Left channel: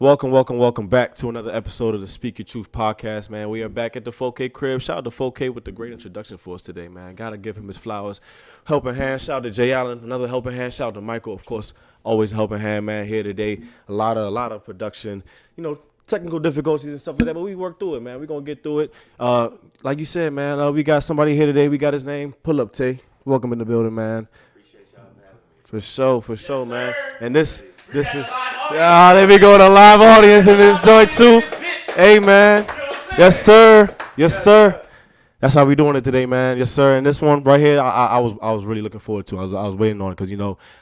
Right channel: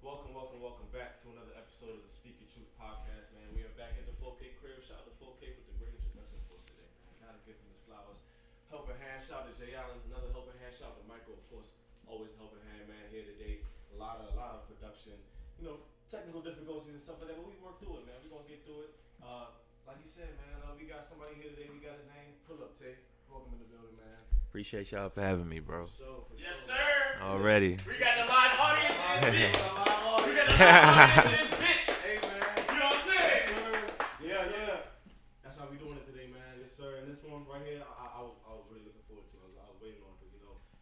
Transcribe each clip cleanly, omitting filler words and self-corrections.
Welcome back to another episode of the Speak Your Truth podcast, man. We are back at the 4K crib. Shout out to 4K with the great introduction for us today, man. Gotta give him his flowers. Helping hand. Shout out to Jay Allen, another helping hand. Shout out to Michael, of course, always a helping hand, man. Here today, a lot of production, technical difficulties and stuff like that, but we work through it, man. We gonna get through it. Like you said, man, we got somebody here today. We got his name, PullUp Tae. Welcome in the building, man. Appreciate y'all for having me, bro. For sure, man. And this is there we go, the live audience in this joint too. Hey, man. Yes, sir. That's how we doing it today, man. Yes, sir. And this one right here, I was really looking forward to. I was waiting on it because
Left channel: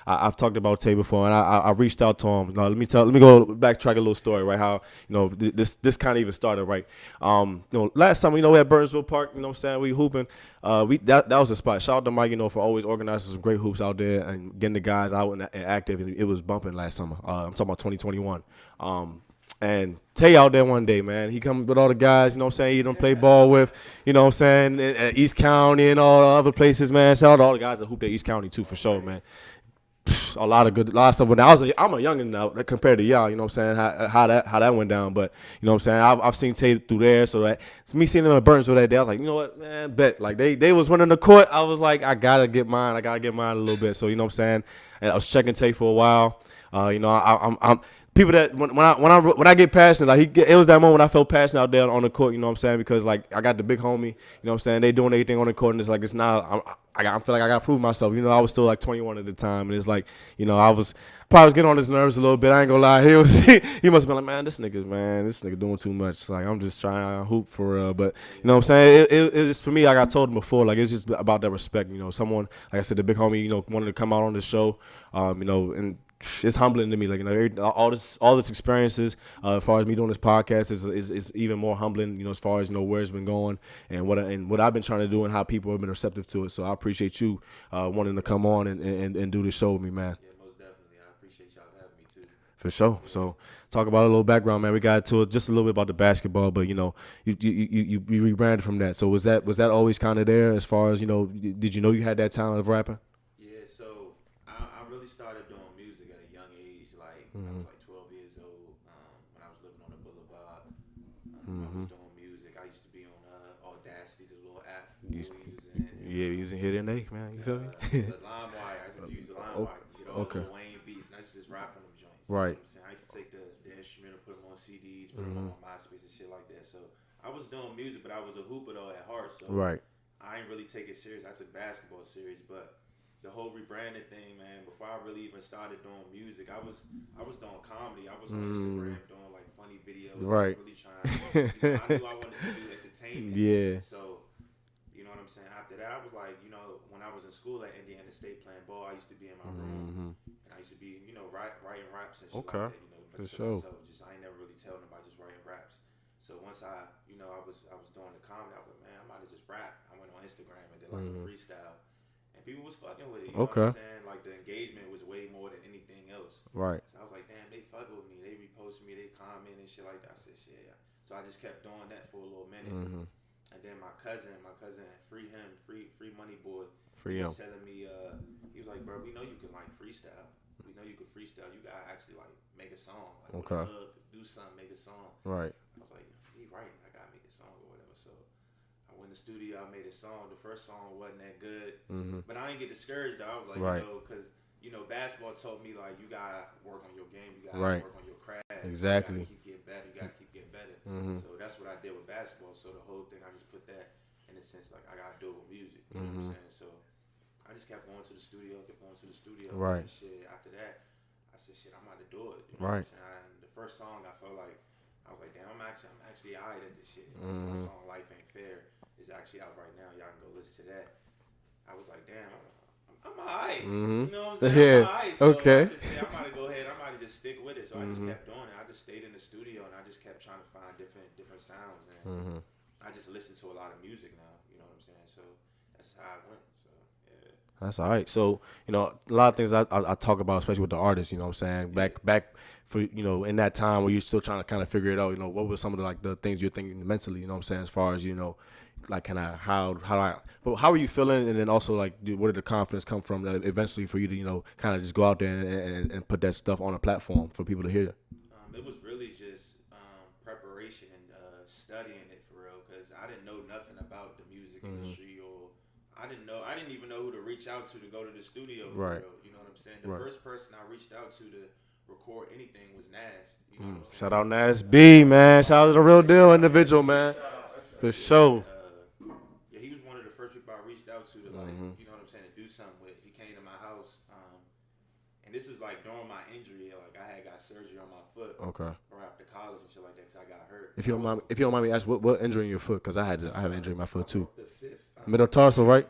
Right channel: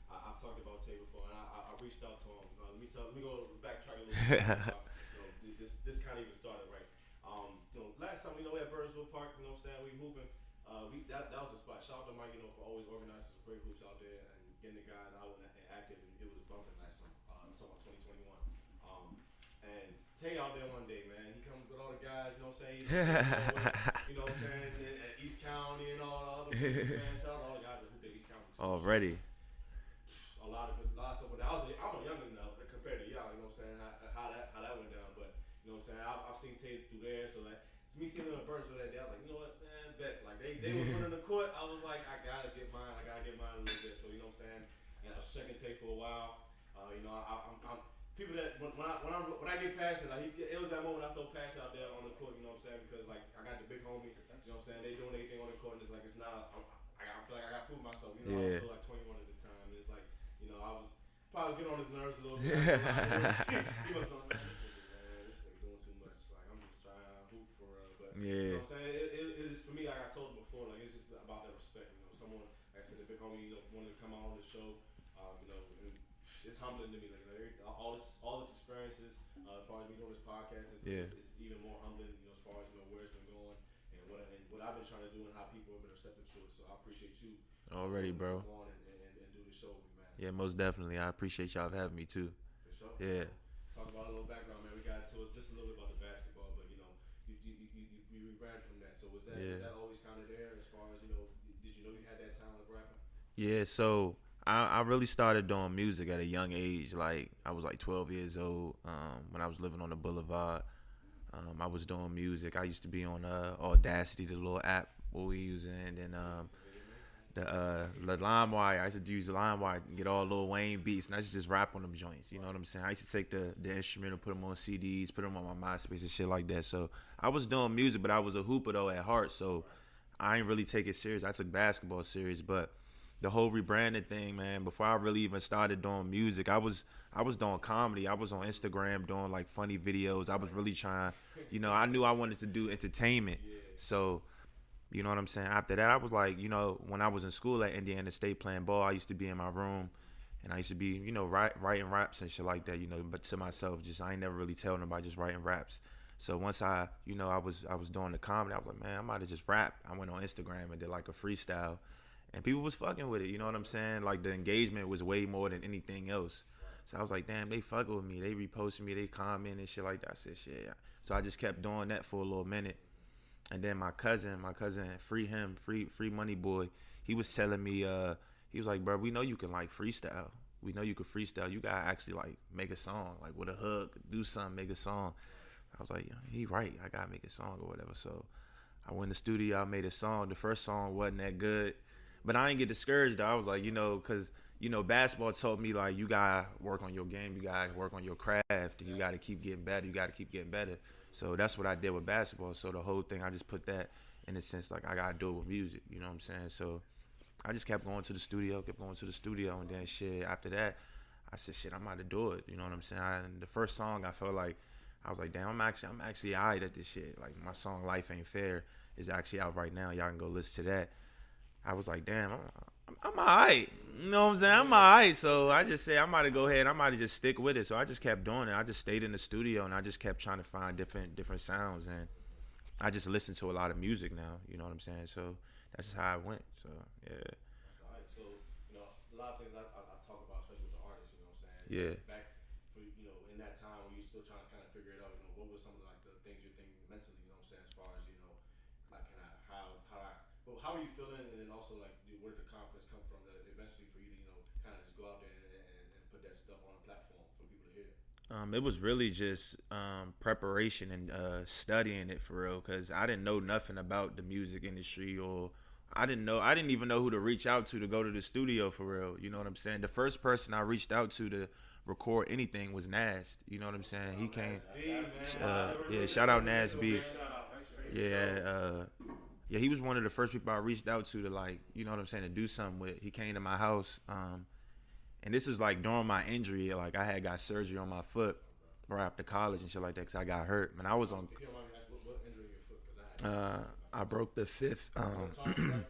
I've talked about Tay before, and I reached out to him. Let me go backtrack a little story, right? How this kind of even started, right? Last summer, we at Burnsville Park, you know what I'm saying, we hooping. That was the spot. Shout out to Mike, for always organizing some great hoops out there and getting the guys out and active. And it was bumping last summer. I'm talking about 2021. And Tay out there one day, man. He come with all the guys, he don't play ball with, at East County and all the other places, man. Shout out to all the guys that hooped at East County too, for sure, man. A lot of stuff. When I'm a youngin' now compared to y'all, how that went down. But I've seen Tay through there, so that it's me seeing them at Burnsville that day. I was like, you know what, man, bet. Like they was running the court. I was like, I gotta get mine a little bit. So and I was checking Tay for a while. I'm people that when I get passionate, it was that moment when I felt passionate out there on the court, because like I got the big homie, they doing everything on the court, and it's like it's not. I feel like I got to prove myself. I was still like 21 at the time, and it's like I was probably getting on his nerves a little bit. I ain't gonna lie. He must have been like, man, this nigga doing too much. It's like I'm just trying to hoop for real, but you know what I'm saying. It was just for me. Like I told him before, like it's just about that respect. Someone like I said, the big homie, wanted to come out on the show, and it's humbling to me, like all this experiences. As far as me doing this podcast is even more humbling. As far as where it's been going and what I've been trying to do and how people have been receptive to it. So I appreciate you wanting to come on and do this show with me, man. Yeah, most definitely. I appreciate y'all for having me too. For sure. Yeah. So talk about a little background, man. We got to it just a little bit about the basketball, but you rebranded from that. So was that always kind of there as far as did you know you had that talent of rapping? Yeah. So I really started doing music at a young age. Like I was like 12 years old when I was living on the boulevard. I was doing music. I used to be on Audacity, the little app we were using. And, using Hit and Eight, man. The LimeWire. I used to use the LimeWire, get all Lil Wayne beats, and I used to just rap on them joints. You know what I'm saying? I used to take the instrumental, put them on CDs, put them on my MySpace and shit like that. So I was doing music, but I was a hooper though at heart. So I ain't really take it serious. I took basketball serious, but the whole rebranding thing, man, before I really even started doing music, I was doing comedy. I was on Instagram doing like funny videos. I was really trying, I knew I wanted to do entertainment. Yeah. So, you know what I'm saying? After that, I was like, when I was in school at Indiana State playing ball, I used to be in my room and I used to be, writing raps and shit like that, but to myself, I ain't never really tell nobody, just writing raps. So once I was doing the comedy, I was like, man, I might have just rap. I went on Instagram and did like a freestyle. And people was fucking with it, you know what I'm saying? Like, the engagement was way more than anything else. Right. So I was like, damn, they fucking with me. They reposted me, they comment and shit like that. I said, shit, yeah. So I just kept doing that for a little minute. And then my cousin, free Money Boy, he was telling me, he was like, bro, we know you can, like, freestyle. We know you can freestyle. You got to actually, like, make a song. Like, with a hook, do something, make a song. Right. I was like, he right. I got to make a song or whatever. So I went in the studio, I made a song. The first song wasn't that good. But I didn't get discouraged, though. I was like, because, basketball taught me, like, you got to work on your game. You got to work on your craft. Exactly. You got to keep getting better. You got to keep getting better. So that's what I did with basketball. So the whole thing, I just put that in a sense, like, I got to do it with music. You know what I'm saying? So I just kept going to the studio, And shit, after that, I said, shit, I'm about to do it. You know what I'm saying? The first song, I felt like, I was like, damn, I'm actually all right at this shit. Like, my song Life Ain't Fair is actually out right now. Y'all can go listen to that. I was like, damn, I'm all right. You know what I'm saying? I'm all right. So I just said, I might go ahead. I might just stick with it. So I just kept doing it. I just stayed in the studio, and I just kept trying to find different sounds. And I just listen to a lot of music now. You know what I'm saying? So that's just how I went. So, yeah. That's all right. So, a lot of things I talk about, especially with the artists, you know what I'm saying? Back for, in that time where you're still trying to kind of figure it out, what were some of the things you're thinking mentally, you know what I'm saying, as far as, like kind of how are you feeling, and then also like where did the confidence come from eventually for you to kind of just go out there and put that stuff on a platform for people to hear? It was really just preparation and studying it for real, because I didn't know nothing about the music industry, or I didn't even know who to reach out to go to the studio for real. You know what I'm saying? The first person I reached out to record anything was Nas. You know what I'm saying? Shout out Nas B, man. Shout out to the real deal individual, man. For sure. Yeah, he was one of the first people I reached out to like, you know what I'm saying, to do something with. He came to my house, and this was like during my injury. Like I had got surgery on my foot. Okay. Right after college and shit like that, because I got hurt. If you don't mind me asking, what injury in your foot? Because I had an injury in my foot I too. Broke the fifth metatarsal, right?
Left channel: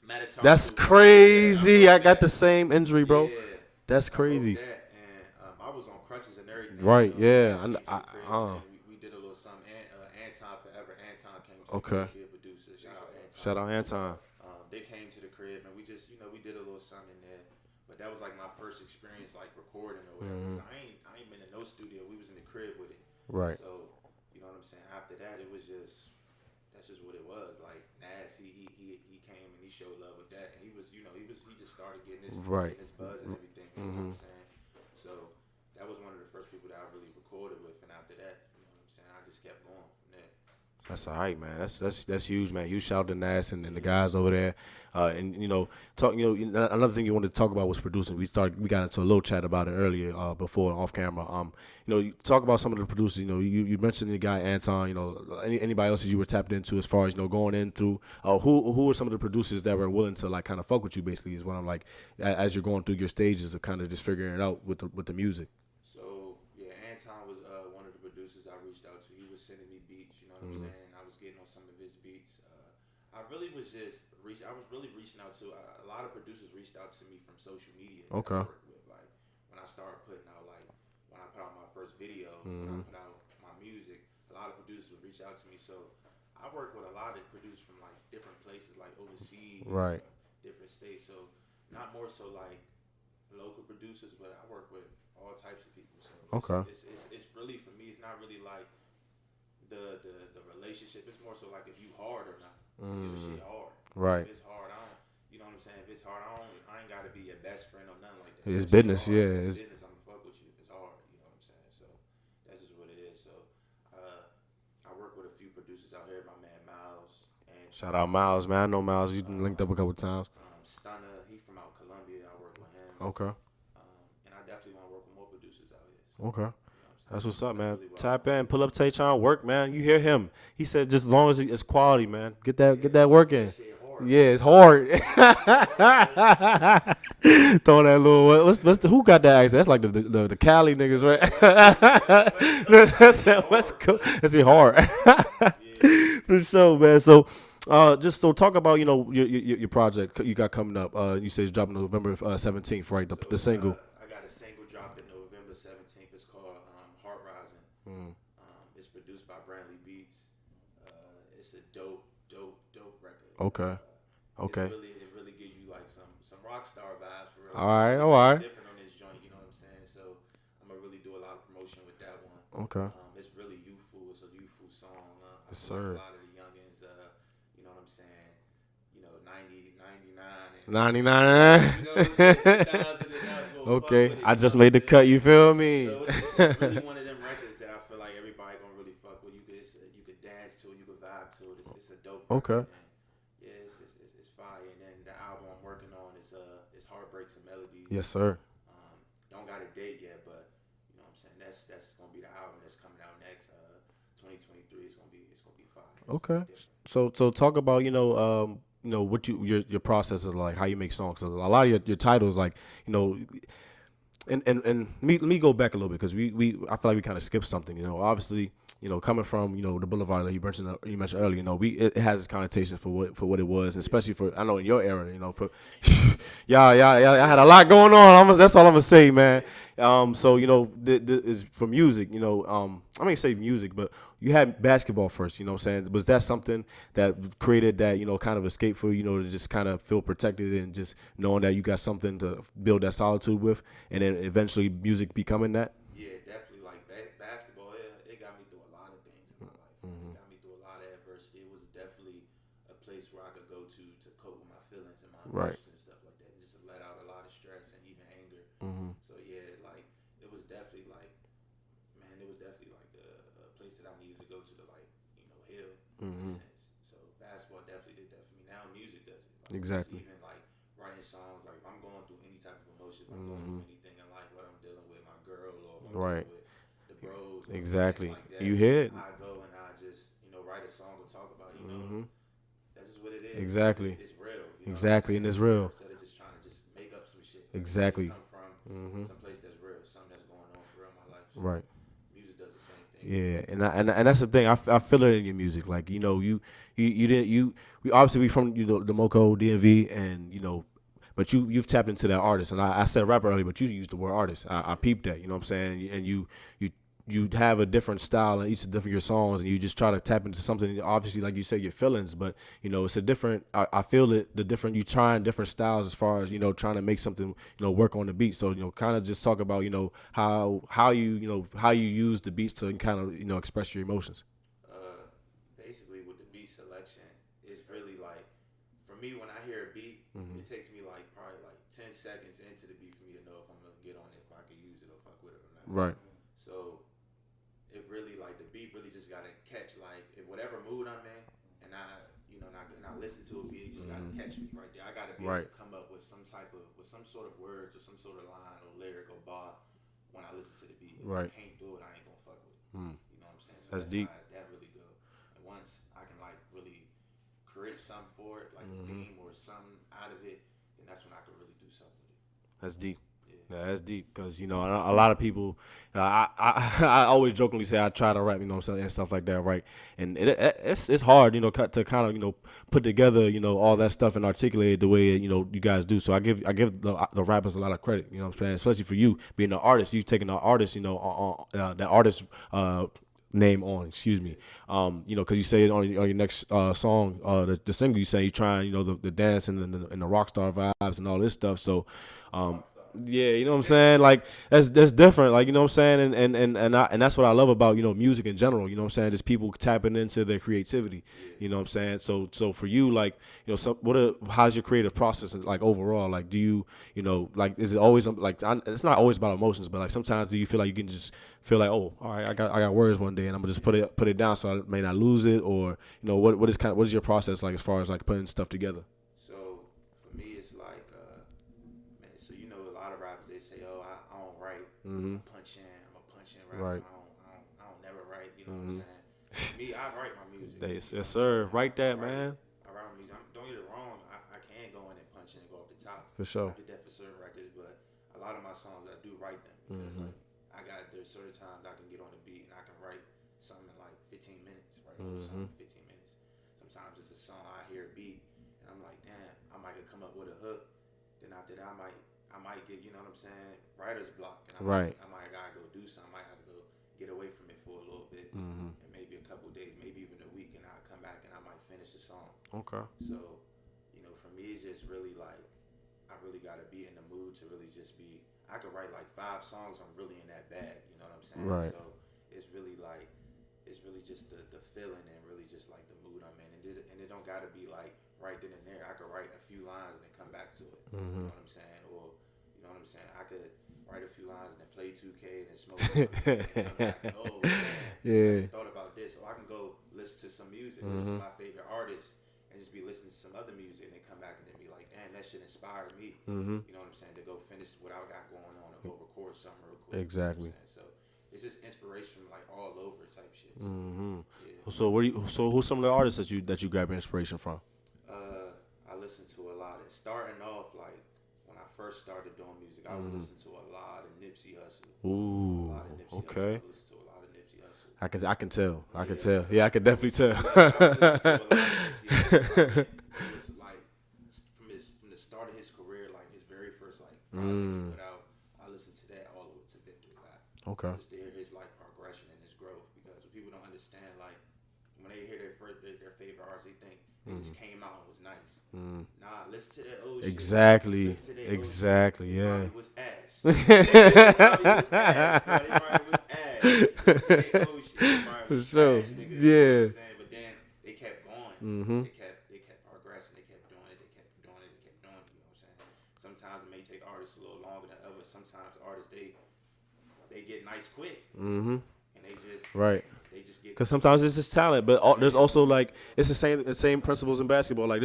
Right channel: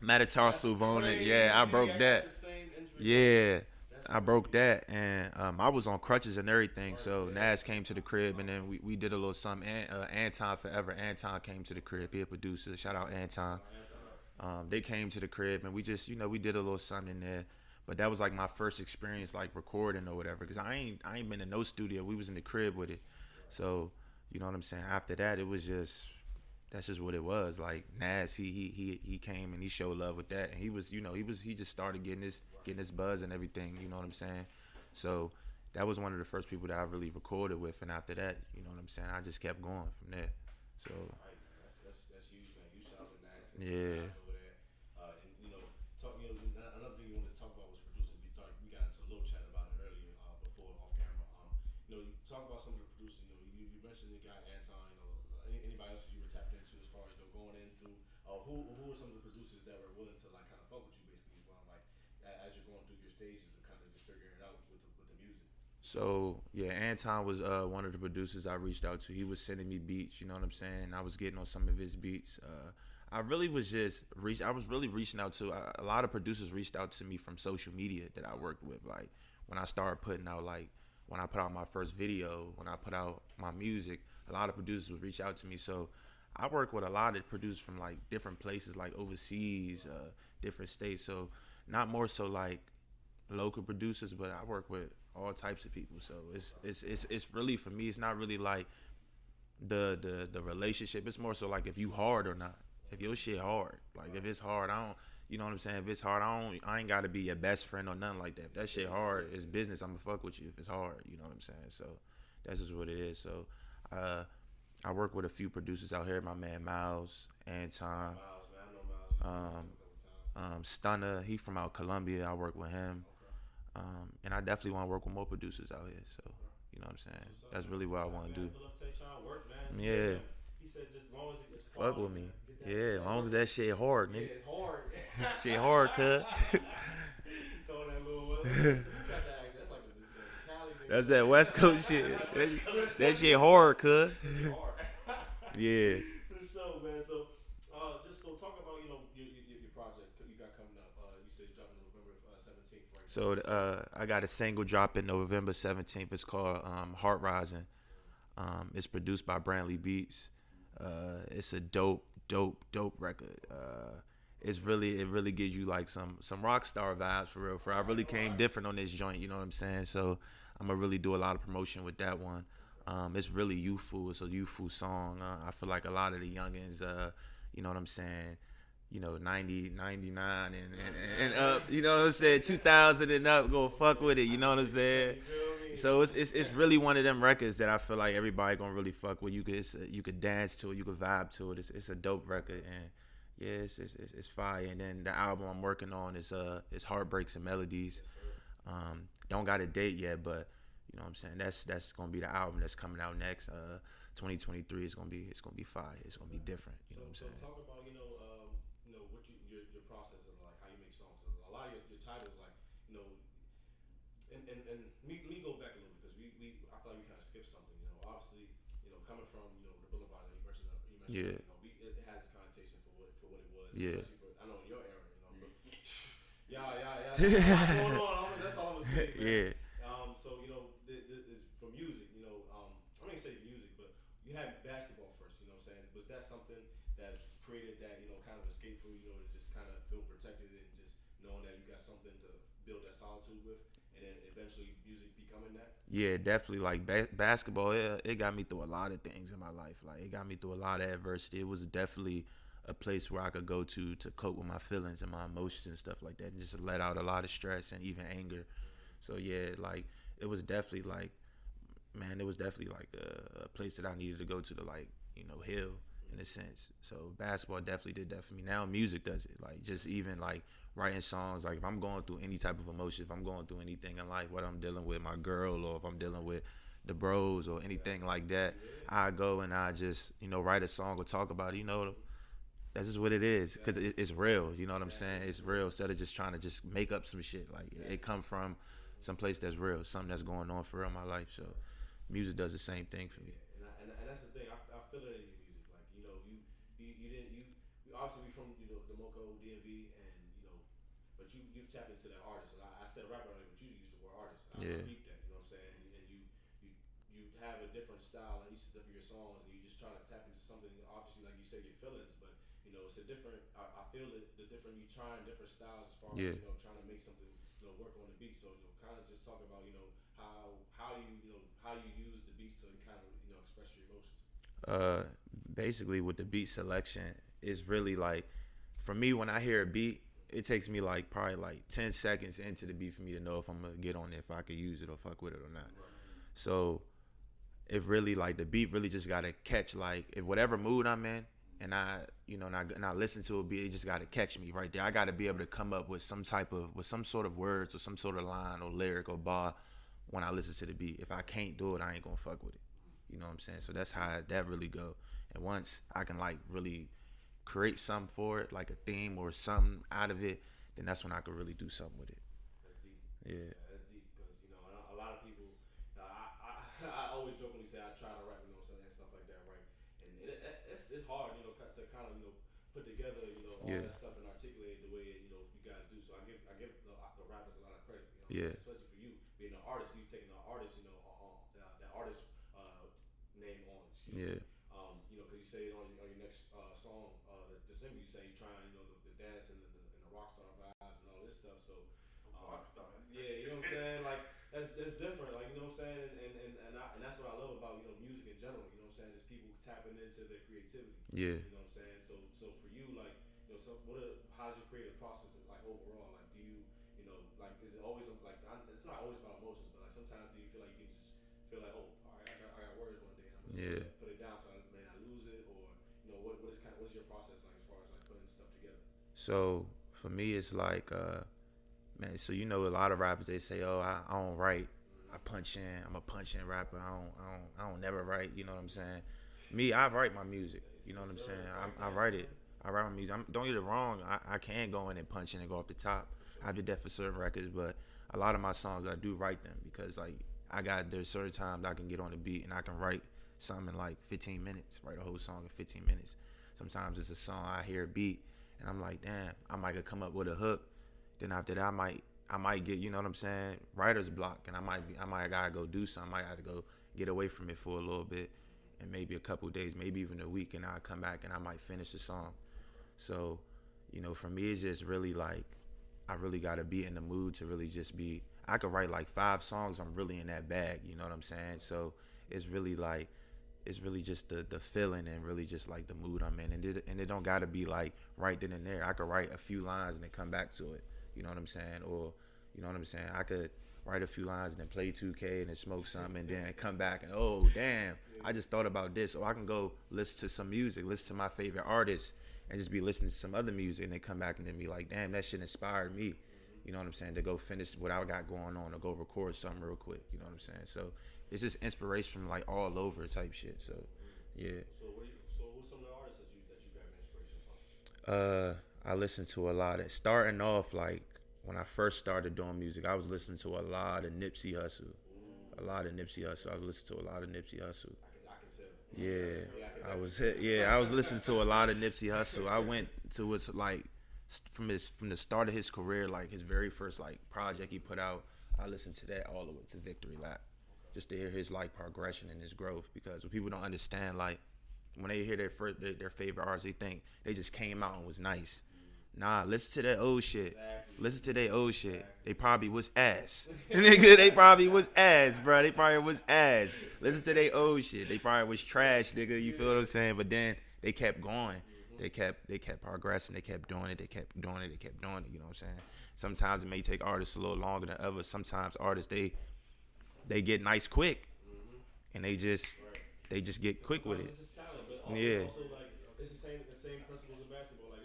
Metatarsal. That's crazy. Yeah, I got the same injury, bro. Yeah. That's crazy. I broke that, and I was on crutches and everything. Right, so yeah. Nas came to the crib, and then we did a little something. Anton Forever. Anton came to the crib, be a producer. Shout out Anton. Shout out Anton. They came to the crib, and we just, we did a little something in there. But that was like my first experience, like recording or whatever. Because I ain't been in no studio. We was in the crib with it. Right. So, you know what I'm saying? After that, it was just, that's just what it was. Like Nas, he came and he showed love with that, and he just started getting his buzz and everything. You know what I'm saying? So that was one of the first people that I really recorded with, and after that, you know what I'm saying, I just kept going from there. So, that's all right, man. That's huge, man. Huge shout out to Nas and the guys over there. And another thing you wanted to talk about was producing. We got into a little chat about it earlier, before off camera. You talk about some of the producers. You mentioned the guy Anton. Anybody else that you were tapped into as far as going in through. Who are some of the producers that were willing to like kind of fuck with you? Basically, is what I'm like as you're going through your stages of kind of just figuring it out with the music. So yeah, Anton was one of the producers I reached out to. He was sending me beats, you know what I'm saying? I was getting on some of his beats. I really was just reaching out to a lot of producers reached out to me from social media that I worked with. Like when I started putting out, like when I put out my first video, when I put out my music, a lot of producers would reach out to me. So I work with a lot of producers from like different places, like overseas, different states. So not more so like local producers, but I work with all types of people. So it's really, for me, it's not really like the relationship. It's more so like if you hard or not. If your shit hard. Right. If it's hard, I don't, you know what I'm saying? If it's hard, I ain't gotta be your best friend or nothing like that. It's business, hard, yeah. It's business. I'ma fuck with you if it's hard, you know what I'm saying? So that's just what it is. So I work with a few producers out here, my man Miles. And shout out Miles, man. I know Miles. You've been linked up a couple times. Stunner, he from out Colombia. I work with him. Okay. And I definitely want to work with more producers out here. So, okay. You know what I'm saying? That's what's up, man. Really Tap in, PullUp Tae trying to work, man. You hear him. He said just as long as it's quality, man. Get that work in. That shit hard. Yeah, it's hard. That shit hard, throw that little who got that accent? That's like the Cali niggas, right? That shit hard, cuz. That's it hard. Yeah. For sure, man. So just so talk about your project you got coming up. You say it's dropping November 17th, right? The single. I got a single dropping November 17th. It's called Heart Rising. It's produced by Brantley Beats. It's a dope record. Okay. It really gives you like some rock star vibes for real. All right. Really different on this joint. You know what I'm saying? So I'm gonna really do a lot of promotion with that one. Okay. It's really youthful. It's a youthful song. I feel like a lot of the youngins. You know what I'm saying? 90, 99, and 99. You know what I'm saying? 2000 and up, go fuck with it. I just made the cut. You feel me? So it's really one of them records that I feel like everybody gonna really fuck with. You could dance to it. You could vibe to it. It's a dope record. Okay. And yeah, it's fire. And then the album I'm working on is Heartbreaks and Melodies. Yes, sir. Don't got a date yet, but you know what I'm saying? That's gonna be the album that's coming out next. 2023 is gonna be fire. It's gonna be different. So talk about what your process is like, how you make songs. So a lot of your titles, like and me go back a little bit because I feel like we kind of skipped something. Obviously coming from the Boulevard that you mentioned earlier. It has its connotation for what it was, especially for I know in your era. For yeah, I had a lot going on. That's all I'm gonna say, man. Yeah. So is for music. I mean say music, but you had basketball first. You know what I'm saying? Was that something that created that kind of escape for you? To just kind of feel protected and just knowing that you got something to build that solitude with, and then eventually music becoming that. Yeah, definitely. Like basketball, it got me through a lot of things in my life. Like it got me through a lot of adversity. It was definitely a place where I could go to cope with my feelings and my emotions and stuff like that, and just let out a lot of stress and even anger. So yeah, like it was definitely like man, it was definitely like a place that I needed to go to like, heal in a sense. So basketball definitely did that for me. Now music does it. Like just even like writing songs. Like if I'm going through any type of emotion, if I'm going through anything in life, what I'm dealing with my girl, or if I'm dealing with the bros or anything like that, you hit. I go and I just write a song or talk about it. That's just what it is. Exactly. It's real. You know exactly. what I'm saying? And it's real. Instead of just trying to just make up some shit. Like, exactly. It come from some place that's real, something that's going on for real in my life. So right. Music does the same thing. Yeah, and that's the thing. I feel it in your music. Like we obviously we from the Moco DMV, and but you've tapped into that artist. And I said rapper earlier, but you used the word artist. I peeped that. You know what I'm saying? And you have a different style in each of your songs, and you just try to tap into something. Obviously, like you said, your feelings, but it's a different. I feel it. The different, you trying different styles as far as trying to make something work on the beat. So kind of just talk about how you use the beats to kind of express your emotions. Basically, with the beat selection, it's really like, for me, when I hear a beat, it takes me like probably like 10 seconds into the beat for me to know if I'm gonna get on it, if I could use it or fuck with it or not. Right. So it really, like, the beat really just gotta catch, like, if whatever mood I'm in, and I listen to a beat, it just gotta catch me right there. I gotta be able to come up with some sort of words or some sort of line or lyric or bar when I listen to the beat. If I can't do it, I ain't gonna fuck with it. You know what I'm saying? So that's how that really go. And once I can like really create something for it, like a theme or something out of it, then that's when I can really do something with it. That's deep. Yeah, that's deep, because a lot of people, I always jokingly say I try to rap, and stuff like that, right? And it's hard, to kind of put together, all that stuff and articulate it the way you guys do. So I give the rappers a lot of credit, what I'm saying, especially for you being an artist. You taking the artist, that artist name on, excuse me, because you say it on your next song, the single, you say you trying, the dance and the rock star vibes and all this stuff. So. Yeah, you know what I'm saying? Like that's different. Like, you know what I'm saying? And that's what I love about, music in general, you know what I'm saying? Just people tapping into their creativity. Yeah. You know what I'm saying? So for you, like, how's your creative process like overall? Like, do you, like, is it always like, it's not always about emotions, but like sometimes do you feel like you can just feel like, oh, all right, I got words one day and I'm gonna just put it down so I may not lose it, or what is your process like as far as like putting stuff together? So for me, it's like man, so a lot of rappers, they say, oh, I don't write. I'm a punch in rapper. Right. I don't never write. You know what I'm saying? Me, I write my music. Yes, sir. Write that, man. I write my music. Don't get it wrong. I can go in and punch in and go off the top. For sure. I did that for certain records, but a lot of my songs, I do write them because like there's certain times I can get on the beat and I can write something in like 15 minutes. Write a whole song in 15 minutes. Sometimes it's a song, I hear a beat and I'm like, damn, I might come up with a hook. Then after that, I might get, what I'm saying, writer's block, and I might gotta go do something. I might have to go get away from it for a little bit, and maybe a couple of days, maybe even a week, and I'll come back and I might finish the song. Okay. So, for me, it's just really like I really gotta be in the mood to really just be. I could write like 5 songs. I'm really in that bag. You know what I'm saying? Right. So it's really like. It's really just the feeling and really just like the mood I'm in, and it don't gotta be like right then and there. I could write a few lines and then come back to it. You know what I'm saying? Or you know what I'm saying? I could write a few lines and then play 2K and then smoke something and then come back and damn, I just thought about this. Or I can go listen to some music, listen to my favorite artists, and just be listening to some other music and then come back and then be like, damn, that shit inspired me. You know what I'm saying? To go finish what I got going on or go record something real quick. Exactly. You know what I'm saying? So it's just inspiration like all over type shit. So yeah. So who's some of the artists that you grab inspiration from? I listen to a lot of, starting off, like when I first started doing music, I was listening to a lot of Nipsey Hussle. Ooh. A lot of Nipsey Hussle. I listened to a lot of Nipsey Hussle. I can tell. I can tell. Yeah, I can definitely tell. Yeah, I was listening to a lot of Nipsey Hussle. I went to his like from the start of his career, like his very first like project he put out. I listened to that all the way to Victory Lap. Okay. Just to hear his like progression and his growth, because when people don't understand, like when they hear their favorite artist, they think they just came out and was nice. Nah, listen to that old shit. Exactly. Listen to that old shit. Exactly. They yeah. probably was ass. They probably was ass, bro. They probably was ass. Listen to that old shit. They probably was trash, nigga. You know what I'm saying? But then they kept going. They kept progressing. They kept doing it. They kept doing it. They kept doing it. You know what I'm saying? Sometimes it may take artists a little longer than others. Sometimes artists, they they get nice quick, and they just They just get because sometimes it's just talent, but there's also like it's the same principles in basketball. Like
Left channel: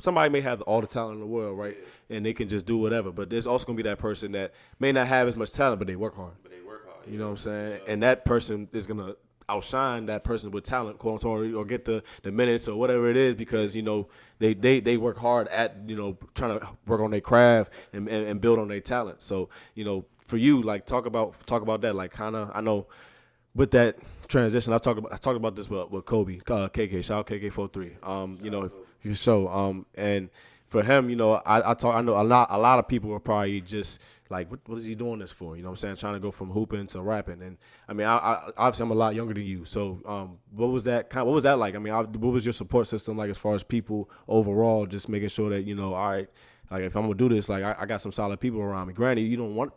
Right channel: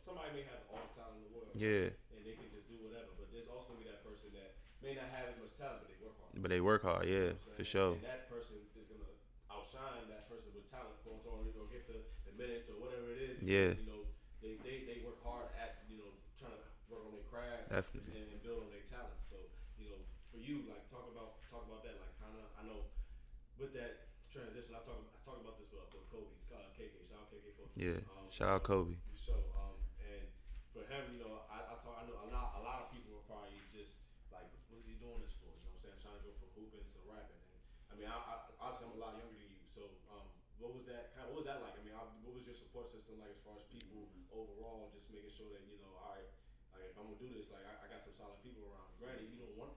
somebody may have all the talent in the world, right? Yeah. And they can just do whatever. But there's also gonna be that person that may not have as much talent, but they work hard. Yeah. You know what I'm saying? Sure. And that person is gonna outshine that person with talent, quote unquote, or get the minutes or whatever it is because you know they work hard at trying to work on their craft and build on their talent. So for you, like talk about that, like kind of I know with that transition, I talked about this with Kobe, KK, shout out KK43. Kobe. So and for him, I know a lot of people are probably just like, what is he doing this for? You know what I'm saying? Trying to go from hooping to rapping. And I mean, I obviously I'm a lot younger than you. So what was that like? I mean, what was your support system like as far as people overall, just making sure that, all right, like if I'm gonna do this, like I got some solid people around me. Granted, you don't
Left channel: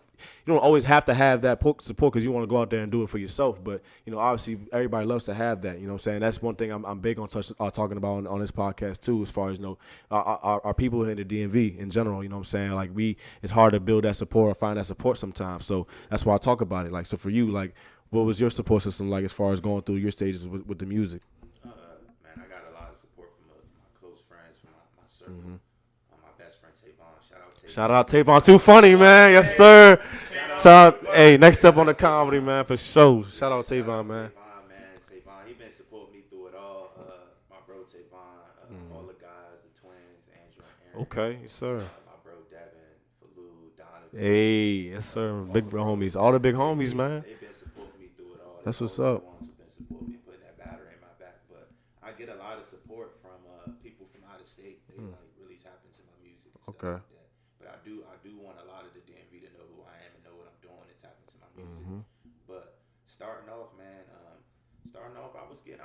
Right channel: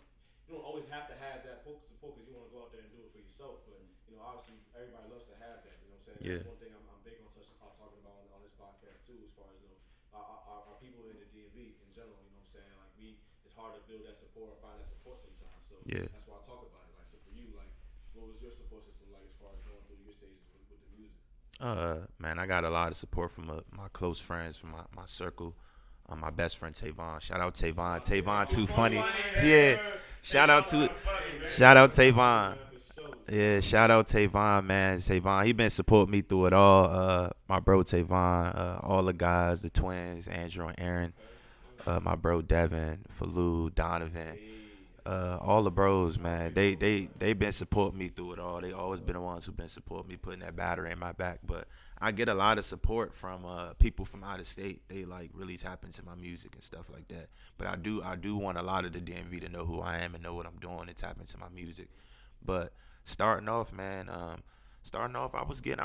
always have to have that support because you want to go out there and do it for yourself. But obviously everybody loves to have that. You know what I'm saying? That's one thing I'm big on talking about on this podcast too. As far as our people in the DMV in general. You know what I'm saying? Like it's hard to build that support or find that support sometimes. So that's why I talk about it. Like so for you, like what was your support system like as far as going through your stages with the music? Man, I got a lot of support from my close friends, from my circle. Mm-hmm. My best friend Tavon. Shout out Tavon. Shout out Tavon. Too funny, man. Yes, sir. Shout out. Hey, next step on the comedy, man, for sure. Shout out Tavon, man. Tavon, he been supporting me through it all. My bro Tavon, all the guys, the twins, Andrew and Aaron. Okay, yes, sir. My bro Devin, Falou, Donovan. Hey, yes, sir. All the bros, all the big homies, man. They've been supporting me through it all. They've always been the ones who've been supporting me, putting that battery in my back. But I get a lot of support from people from out of state. They like really tap into my music and stuff like that. But I do want a lot of the DMV to know who I am and know what I'm doing and tap into my music. But starting off, man, I was getting.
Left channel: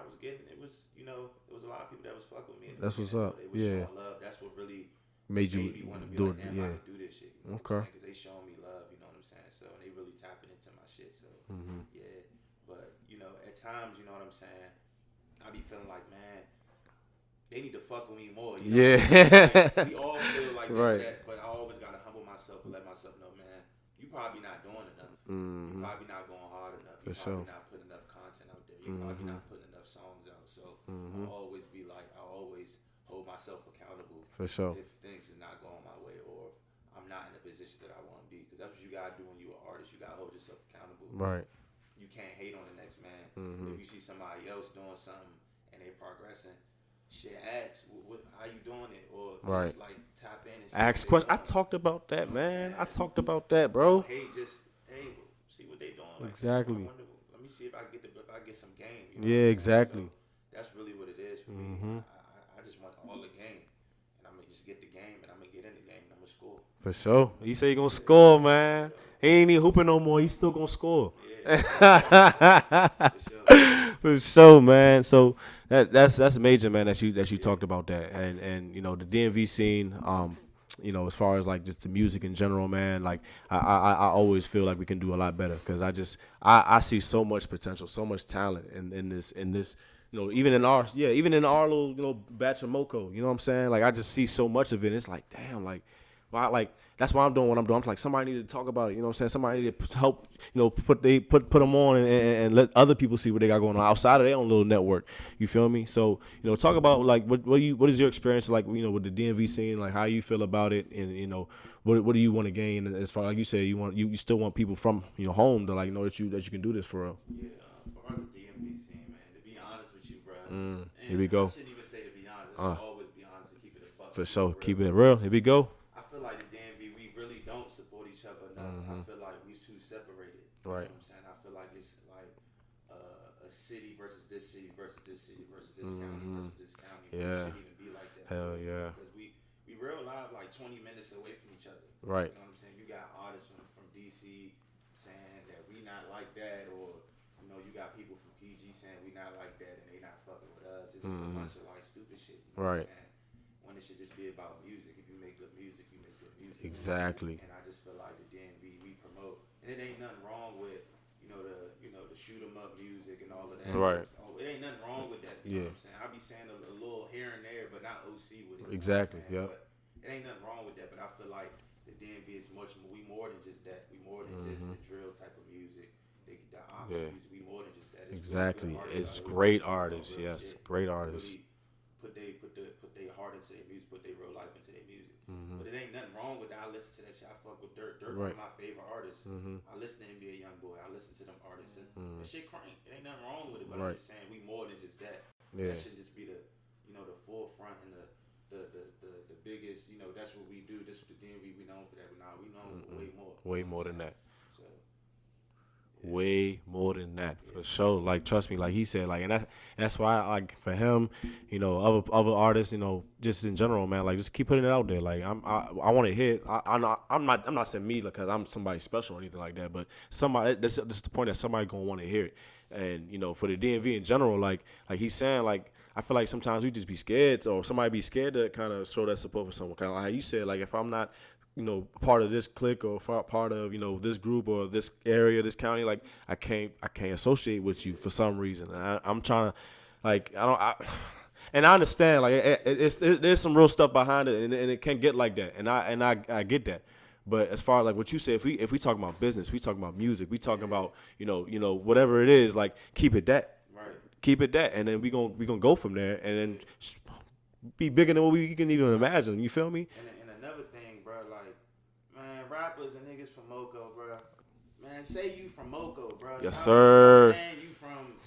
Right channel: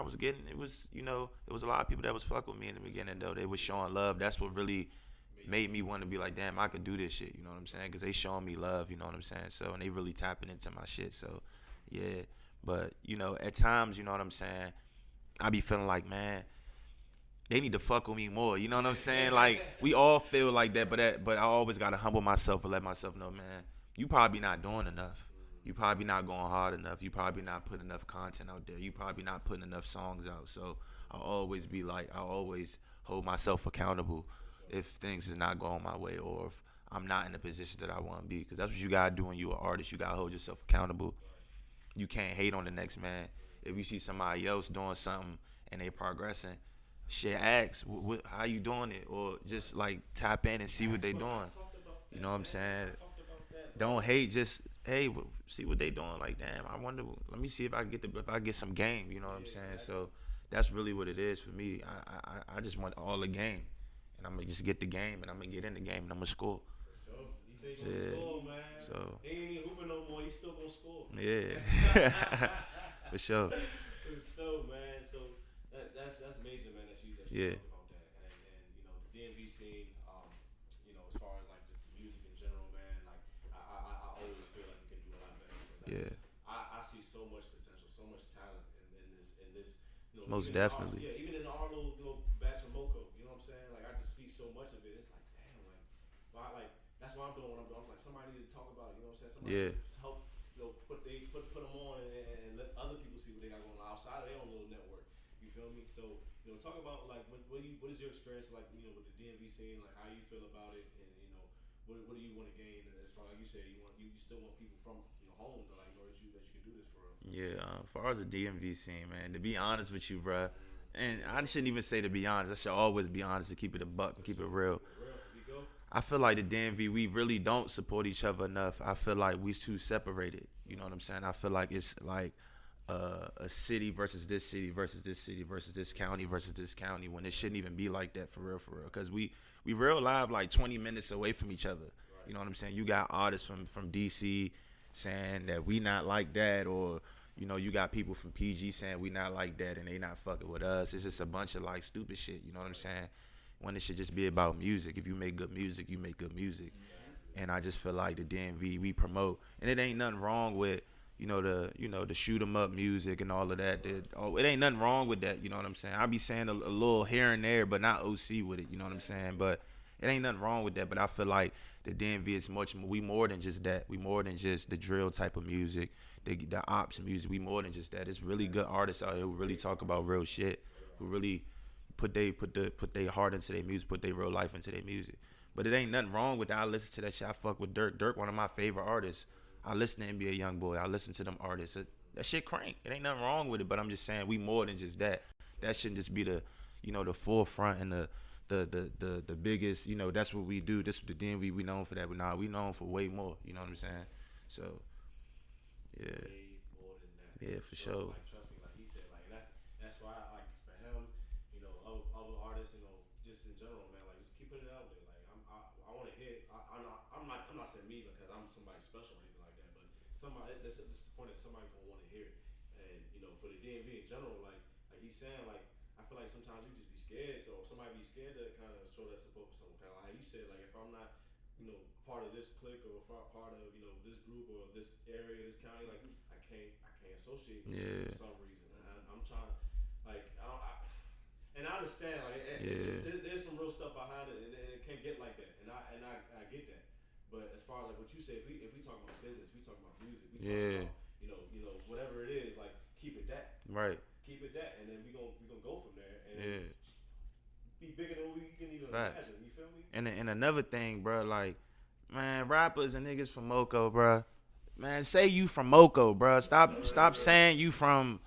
It was there was a lot of people that was fucking with me in the beginning. Though. They was showing love. That's what really made me want to be like, damn, I can do this shit. You know what I'm saying? Because they showing me love. You know what I'm saying? So and they really tapping into my shit. So yeah. But at times, you know what I'm saying, I be feeling like, man, they need to fuck with me more. You know what I'm saying? Like, we all feel like that, but I always got to humble myself and let myself know, man, you probably not doing enough. You probably not going hard enough. You probably not putting enough content out there. You probably not putting enough songs out. So I'll always be like, I'll always hold myself accountable if things is not going my way or if I'm not in the position that I want to be. Because that's what you got to do when you're an artist. You got to hold yourself accountable. Right. You can't hate on the next man. If you see somebody else doing something and they progressing, shit, ask how you doing it, or just like tap in and see ask what they doing. I talked about that, man. I talked about that, bro. Don't hate, just see what they doing. Like, exactly. I wonder. Let me see if I get some game. You know? Yeah, exactly. So that's really what it is for me. I just want all the game. And I'm going to just get the game, and I'm going to get in the game, and I'm going to score. For sure. He say he going to score, man. So, he ain't even hooping no more. He's still going to score. Yeah. For sure. For sure, man. So that's major, man, that you talked about that. And the DMV scene, as far as like just the music in general, man, like I always feel like we can do a lot better because I see so much potential, so much talent in this even in our little batch of Moco, you know what I'm saying? Like I just see so much of it. It's like, damn, like that's why I'm doing what I'm doing. I'm like, somebody need to talk about it, you know what I'm saying? Somebody need to help, put them on and let other people see what they got going on outside of their own little network. You feel me? So, talk about like what is your experience like, with the DMV scene, like how you feel about it, and what do you want to gain as far, like you said, you still want people from home to like know that you can do this for real. Yeah, as far as the DMV scene, man, to be honest with you, bro, and here we go. I shouldn't even say to be honest. I should always be honest and keep it a buck. For sure, keep it real. Here we go. I feel like the DMV, we really don't support each other enough. I feel like we too separated. You know what I'm saying? I feel like it's like a city versus this city versus this city versus this county versus this county when it shouldn't even be like that for real. Because we real live like 20 minutes away from each other. Right. You know what I'm saying? You got artists from DC saying that we not like that, or you got people from PG saying we not like that and they not fucking with us. It's just a bunch of like stupid shit. You know what I'm saying? When it should just be about music. If you make good music, you make good music. Exactly. And I just feel like the DMV, we promote, and it ain't nothing wrong with the shoot 'em up music and all of that. Right. It ain't nothing wrong with that. You know what I'm saying? I be saying a little here and there, but not OC with it. You know what I'm saying? Yeah. But it ain't nothing wrong with that. But I feel like the DMV is much. We more than just that. We more than just the drill type of music. The ops music. We more than just that. It's really good artists out here. Great really artists. About real shit. Great artists. Really put their heart into their music, put their real life into their music. But it ain't nothing wrong with that. I listen to that shit. I fuck with Dirk. Dirk, one of my favorite artists. I listen to NBA YoungBoy. I listen to them artists. That shit crank. It ain't nothing wrong with it. But I'm just saying we more than just that. That shouldn't just be the, the forefront and the biggest. That's what we do. This is the DMV. We known for that. But nah, we known for way more. Way more than that. So. Yeah. Way more than that, for sure. Like, trust me, like he said, like, and that's why, like, for him, other artists, just in general, man, like, just keep putting it out there. Like, I want to hit. I'm not saying me because I'm somebody special or anything like that, but somebody. This is the point that somebody gonna want to hear it, and for the DMV in general, like he's saying, like, I feel like sometimes we just be scared, or somebody be scared to kind of show that support for someone. Kind of like how you said, like, if I'm not part of this clique or part of this group or this area, this county, like I can't associate with you for some reason. I'm trying to, like, and I understand, like there's some real stuff behind it, and it can get like that, and I get that. But as far as like what you said, if we talk about business, we talk about music, we talking about whatever it is, like keep it that, right? Keep it that, and then we gonna go from there, and then. Be bigger than what we can even imagine. You feel me? And another thing, bro, like, man, rappers and niggas from Moco, bro. Man, say you from Moco, bro. Stop saying you from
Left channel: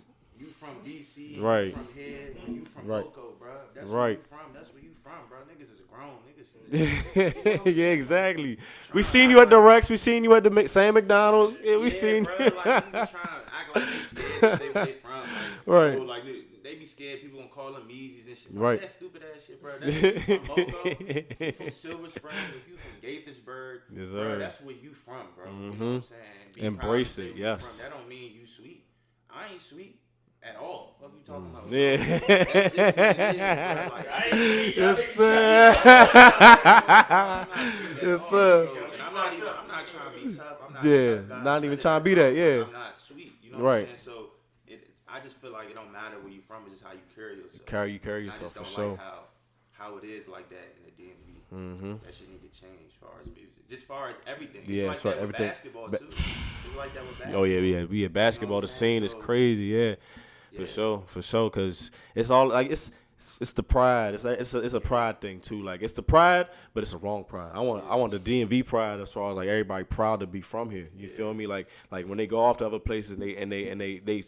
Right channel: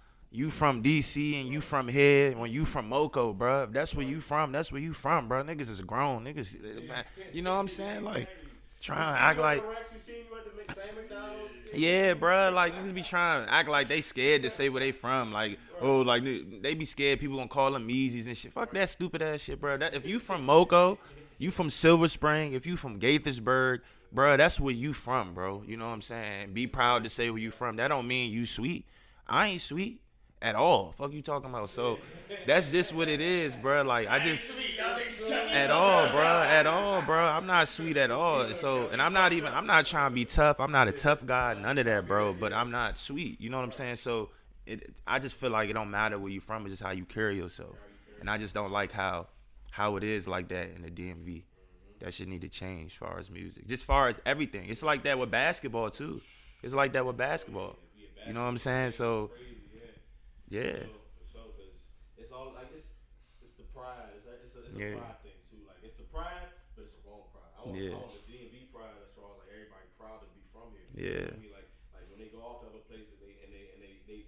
DC and you from here when you from Moco, bro. If that's where you from. That's where you from, bro. Niggas is grown. Niggas, you know what I'm saying? Yeah, exactly. Like, we seen you at the Rex. We seen you at the same McDonald's. Yeah, bro. Like, niggas be trying to act like they scared to say where they from. Like, bro, like they be scared people gonna call them Yeezys and shit. Fuck that stupid ass shit, bro. That's if you from Moco, you from Silver Spring, if you from Gaithersburg, bro, that's where you from, bro. You know what I'm saying? Be proud to say where you from. That don't mean you sweet. I ain't sweet at all. Fuck you talking about? So that's just what it is, bro. Like I just bro. I'm not sweet at all. So and I'm not trying to be tough. I'm not a tough guy. Not even trying to be that. Yeah, but I'm not sweet. You know what I'm saying? So I just feel like it don't matter where you from. It's just how you carry yourself. Carry yourself. And I just don't like how it is like that in the DMV. That shit need to change as far as music. Just as far as everything. It's like that with basketball too. It's like that with basketball. Oh yeah. Basketball, the scene is crazy. Yeah. For sure. Cause it's all like it's the pride. It's a pride thing too. Like it's the pride, but it's a wrong pride. I want the DMV pride as far as like everybody proud to be from here. You feel me? Like when they go off to other places and they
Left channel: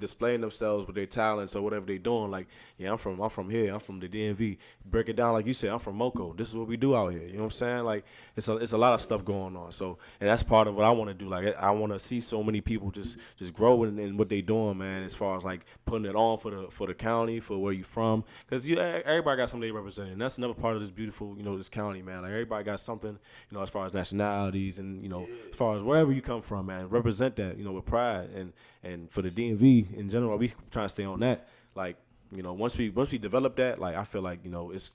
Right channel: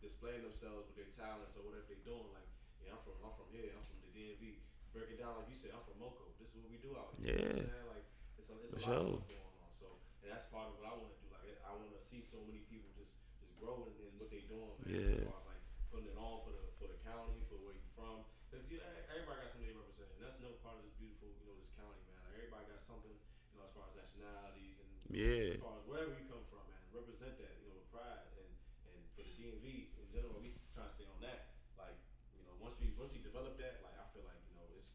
displaying themselves with their talents or whatever they doing. Like I'm from here. I'm from the DMV. Break it down like you said. I'm from Moco. This is what we do out here. You know what I'm saying? Like it's a lot of stuff going on. So and that's part of what I want to do. Like I want to see so many people just grow in what they doing, man. As far as like putting it on for the county, for where you from. Because everybody got something they represent, and that's another part of this beautiful, this county, man. Like everybody got something, as far as nationalities and as far as wherever you come from, man. Represent that, with pride, and for the DMV in general, we trying to stay on that. Like, once we develop that, like I feel like it's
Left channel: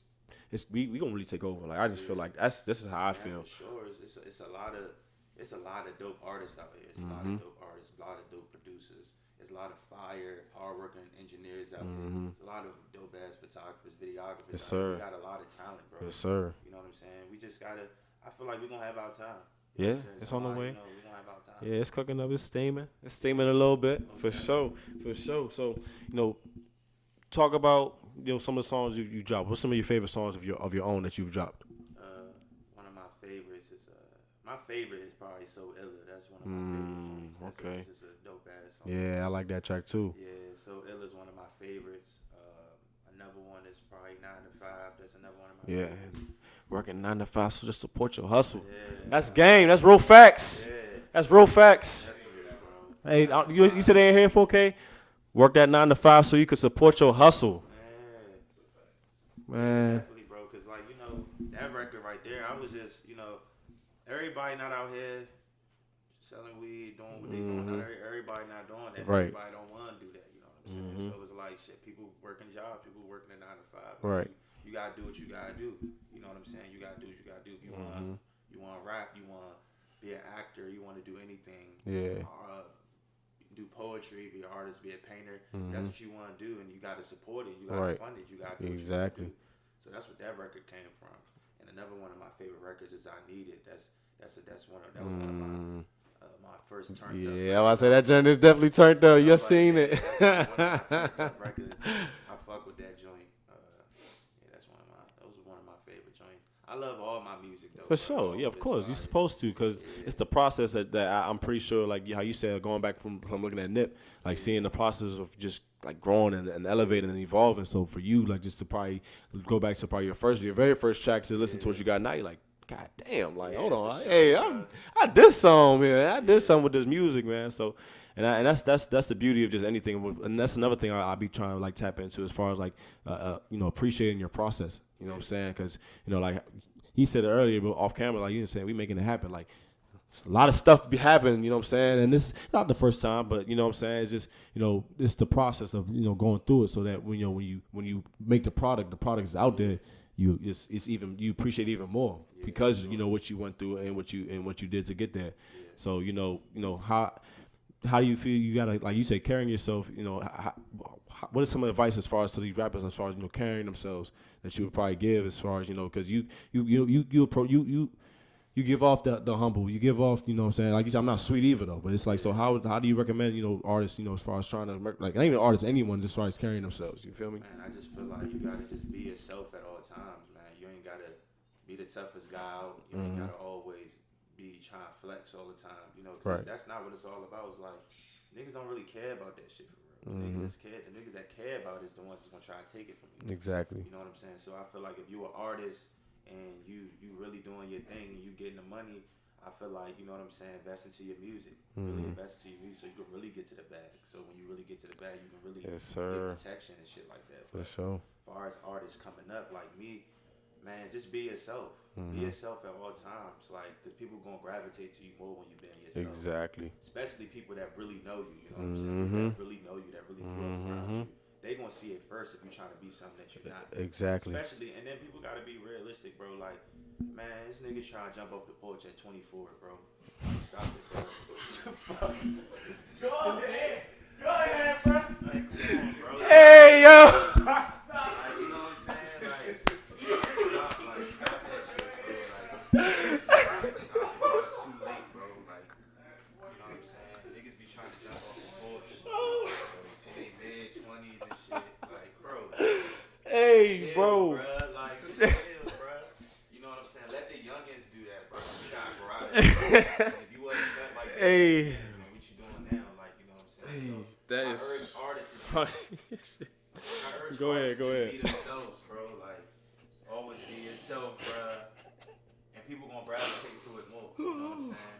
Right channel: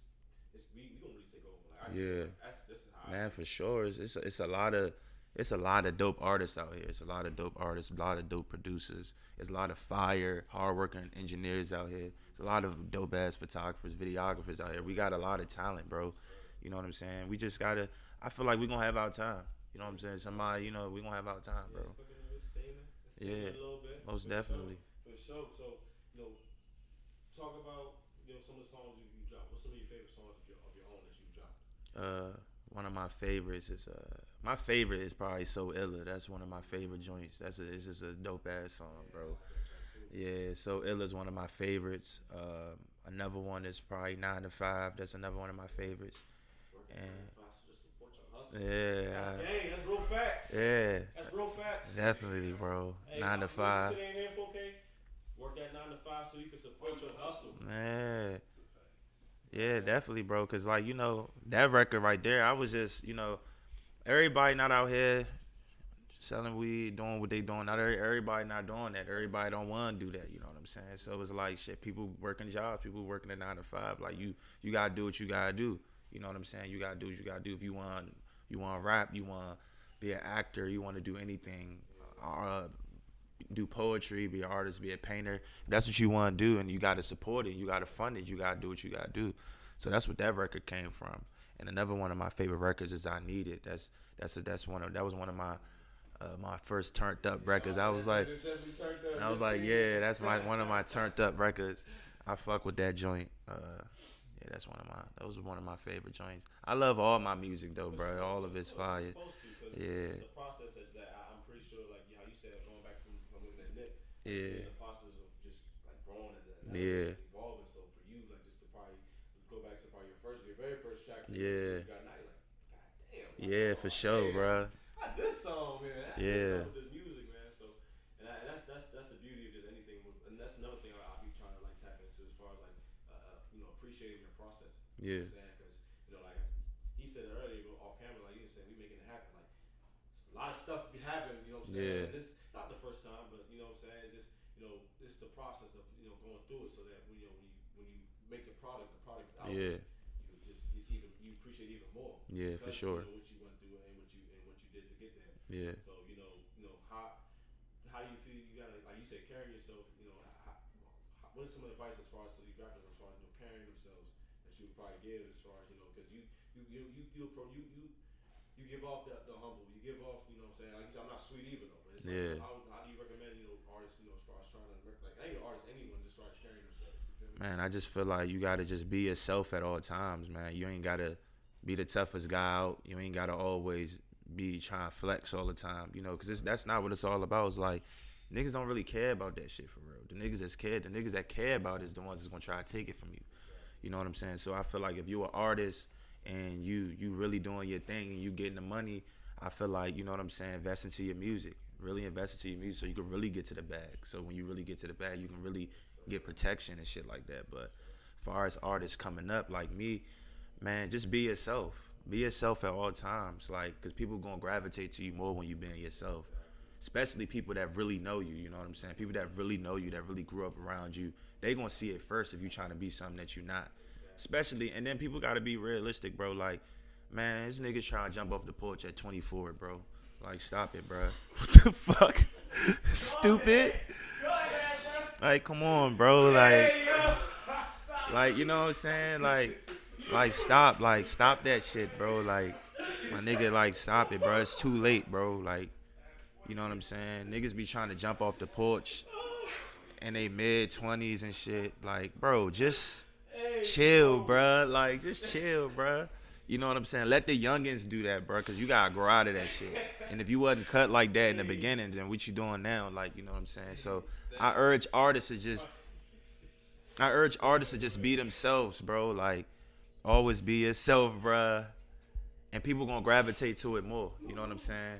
we gonna really take over. Like I just feel like this is how I feel. For sure, it's a lot of dope artists out here. It's a lot of dope artists, a lot of dope producers. There's a lot of fire, hardworking engineers out here. There's a lot of dope ass photographers, videographers out here. We got a lot of talent, bro. Yes, sir. You know what I'm saying? We just gotta. I feel like we're gonna have our time. You know what I'm saying? It's on the way. We gonna have our time. Yeah, it's cooking up. It's steaming. It's steaming a little bit. For sure. So, talk about some of the songs you dropped. What's some of your favorite songs of your own that you've dropped? One of my favorites is my favorite is probably So Illa. That's one of my favorite joints. That's just a dope ass song. Yeah, I like that track too. Yeah, So Illa is one of my favorites. Another one is probably 9 to 5. That's another one of my favorites. Working 9 to 5, so just support your hustle. Yeah, that's game. That's real facts. Yeah, that's real facts. Definitely, bro. Hey, you said they ain't here 4K. Work that 9 to 5 so you can support your hustle. Yeah, definitely, bro. Cause like that record right there, I was just everybody not out here selling weed, doing what they doing. Not everybody not doing that. Right. Everybody don't want to do that. You know what I'm saying? So it's like shit. People working jobs. People working at 9 to 5. Like you gotta do what you gotta do. You know what I'm saying? You gotta do what you gotta do. If you want to rap, you want to be an actor, you want to do anything. Do poetry, be an artist, be a painter. That's what you want to do, and you got to support it. You got to fund it. You got to do what you got to do. So that's what that record came from. And another one of my favorite records is I Need It. That was one of my my first turned up records. Yeah, I said that joint is definitely turned up. You seen it? That's one of my turned up records. I fuck with that joint. That was one of my favorite joints. I love all my music though. For sure, yeah, of course, you're supposed to, because it's the process that I'm pretty sure, like how you said, going back from looking at Nip, like seeing the process of just like growing and elevating and evolving. So for you, like just to probably go back to probably your very first track to listen to what you got now, you're like, God damn, like hold on, sure, hey, I did something, man. I did something with this music, man. So. And that's the beauty of just anything, and that's another thing I'll be trying to like tap into as far as like appreciating your process. You know what I'm saying? Because like he said it earlier, but off camera, like you were saying, we making it happen. Like a lot of stuff be happening. You know what I'm saying? And this is not the first time, but you know what I'm saying. It's just it's the process of going through it, so that when you make the product is out there. You appreciate even more because you know what you went through and what you did to get there. Yeah. So how do you feel? You gotta, like you say, carrying yourself. What is some advice as far as to these rappers, as far as carrying themselves, that you would probably give, as far as because you give off the humble, you give off, what I'm saying, like you said, I'm not sweet either though, but it's like, so how do you recommend artists, as far as trying to like, not even artists, anyone, as far as carrying themselves? You feel me? Man, I just feel like you gotta just be yourself at all times, man. You ain't gotta be the toughest guy out. You ain't gotta always be trying to flex all the time, because that's not what it's all about. It's like niggas don't really care about that shit for real. The niggas that care about it is the ones that's gonna try to take it from you. Exactly. You know what I'm saying? So I feel like if you're an artist and you really doing your thing and you getting the money, I feel like, you know what I'm saying, invest into your music. Really invest into your music so you can really get to the bag. So when you really get to the bag, you can really get protection and shit like that. But as far as artists coming up like me, man, just be yourself. Be yourself at all times, like, because people gonna gravitate to you more when you being yourself. Exactly. Especially people that really know you. You know what I'm saying? People that really know you, that really grew up around you. They gonna see it first if you trying to be something that you're not. Exactly. Especially, and then people gotta be realistic, bro. Like, man, this nigga's trying to jump off the porch at 24, bro. Like, stop it, bro. What the fuck? Stupid. Go ahead, bro. Like, come on, bro. Hey, yo. Like, you know what I'm saying? Like stop that shit, bro. Like, nigga, like, stop it, bro. It's too late, bro. Like, you know what I'm saying? Niggas be trying to jump off the porch in they mid-20s and shit. Like, bro, just chill, bro. Like, just chill, bro. You know what I'm saying? Let the youngins do that, bro, because you got to grow out of it. And if you wasn't cut like that in the beginning, then what you doing now? Like, you know what I'm saying? So I urge artists to just be themselves, bro. Like, always be yourself, bruh. And people gonna gravitate to it more. You know what I'm saying?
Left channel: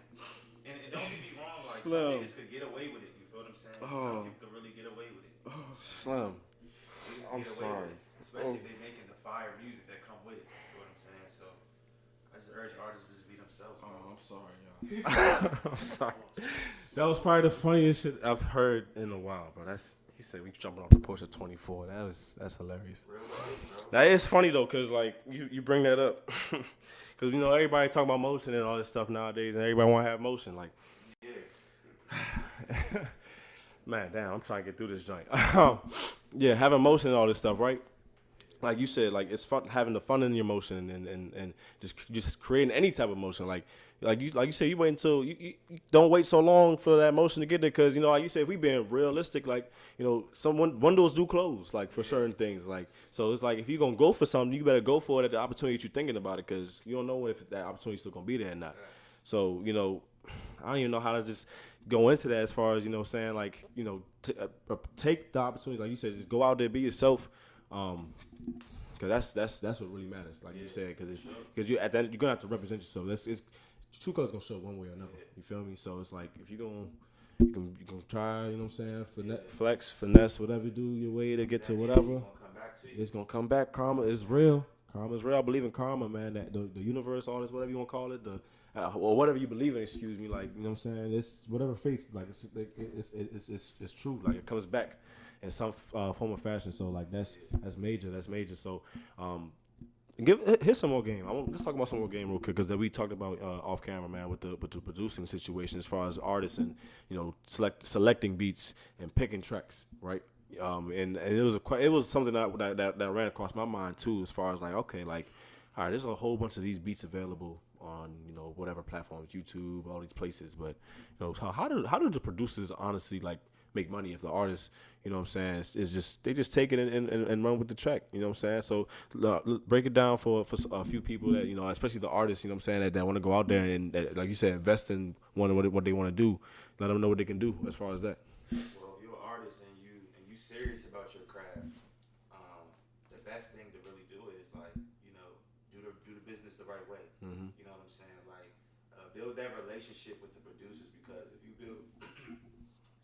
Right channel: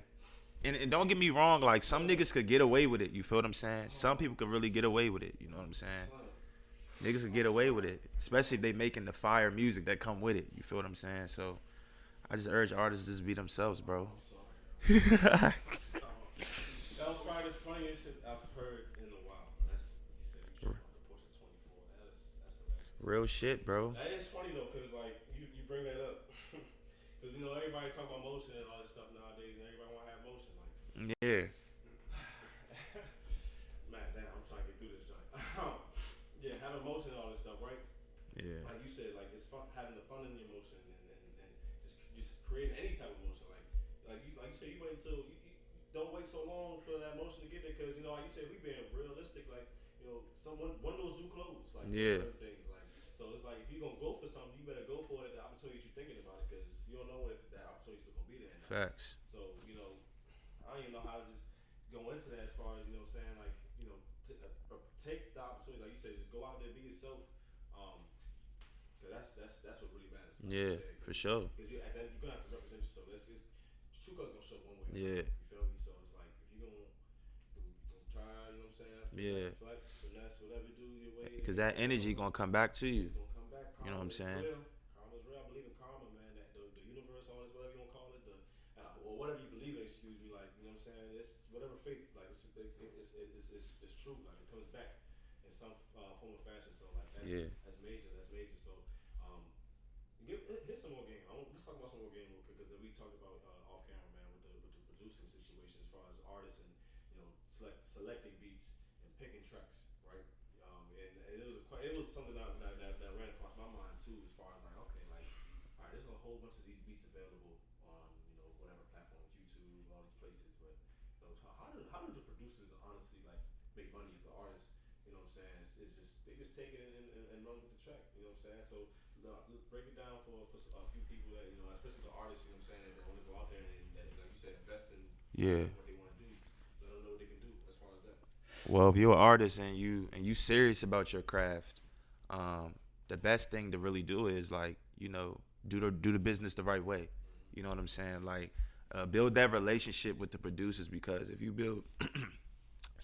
And don't get me wrong, like, some niggas could get away with it. You feel what I'm saying? Some people could really get away with it. You know what I'm saying? Niggas can get away with it. Especially if they making the fire music that come with it. You feel what I'm saying? So I just urge artists to just be themselves, bro. I'm sorry, yo. I'm sorry. That was probably the funniest shit I've heard in a while, bro. He said we jumping off the porch at 24. That's hilarious. Real shit, bro. That is funny though, cause like you bring that up, cause everybody talking about motion and all this stuff nowadays, and everybody want to have motion. Like, man, damn, I'm trying to get through this joint. Yeah, having motion and all this stuff, right? Yeah. Like you said, like it's fun having the fun in your motion and just creating any type of motion. Like you said, you wait until you don't wait so long for that motion to get there, because like you said, if we being realistic, like some windows do close, like for certain things, like, so it's like if you're gonna go for something, you better go for it at the opportunity that you're thinking about it, because you don't know if that opportunity's still gonna be there or not. Facts. So I don't even know how to just go into that as far as saying, like take the opportunity, like you said, just go out there, be yourself. Cause that's what really matters, like you said, because you at that you're gonna have to represent yourself. It's true colors gonna show one way or another. You feel me? So it's like if you can try, you know what I'm saying, flex, finesse, whatever, do your way to get to whatever. That energy gonna come back to you. It's gonna come back. Karma is real. Karma is real. I believe in karma, man. That the universe, all this, whatever you wanna call it, or whatever you believe in. Excuse me, like, you know what I'm saying. It's whatever faith, like it's true. Like it comes back in some form or fashion. So like that's major. That's major. So here's some more game. Let's talk about some more game real quick, because we talked about off camera, man, with the producing situation as far as artists and selecting beats and picking tracks, right? And it was something that ran across my mind too, as far as like, okay, like all right, there's a whole bunch of these beats available on, you know, whatever platforms, YouTube, all these places. But, you know, how do the producers honestly like make money if the artists, you know what I'm saying, is just they just take it and run with the track, you know what I'm saying? So break it down for a few people that, you know, especially the artists, you know what I'm saying, that want to go out there and that, like you said, invest in what they want to do. Let them know what they can do as far as that. Well, if you're an artist and you serious about your craft, the best thing to really do is, like, you know, do the business the right way. Mm-hmm. You know what I'm saying? Like, build that relationship with the producers, because if you build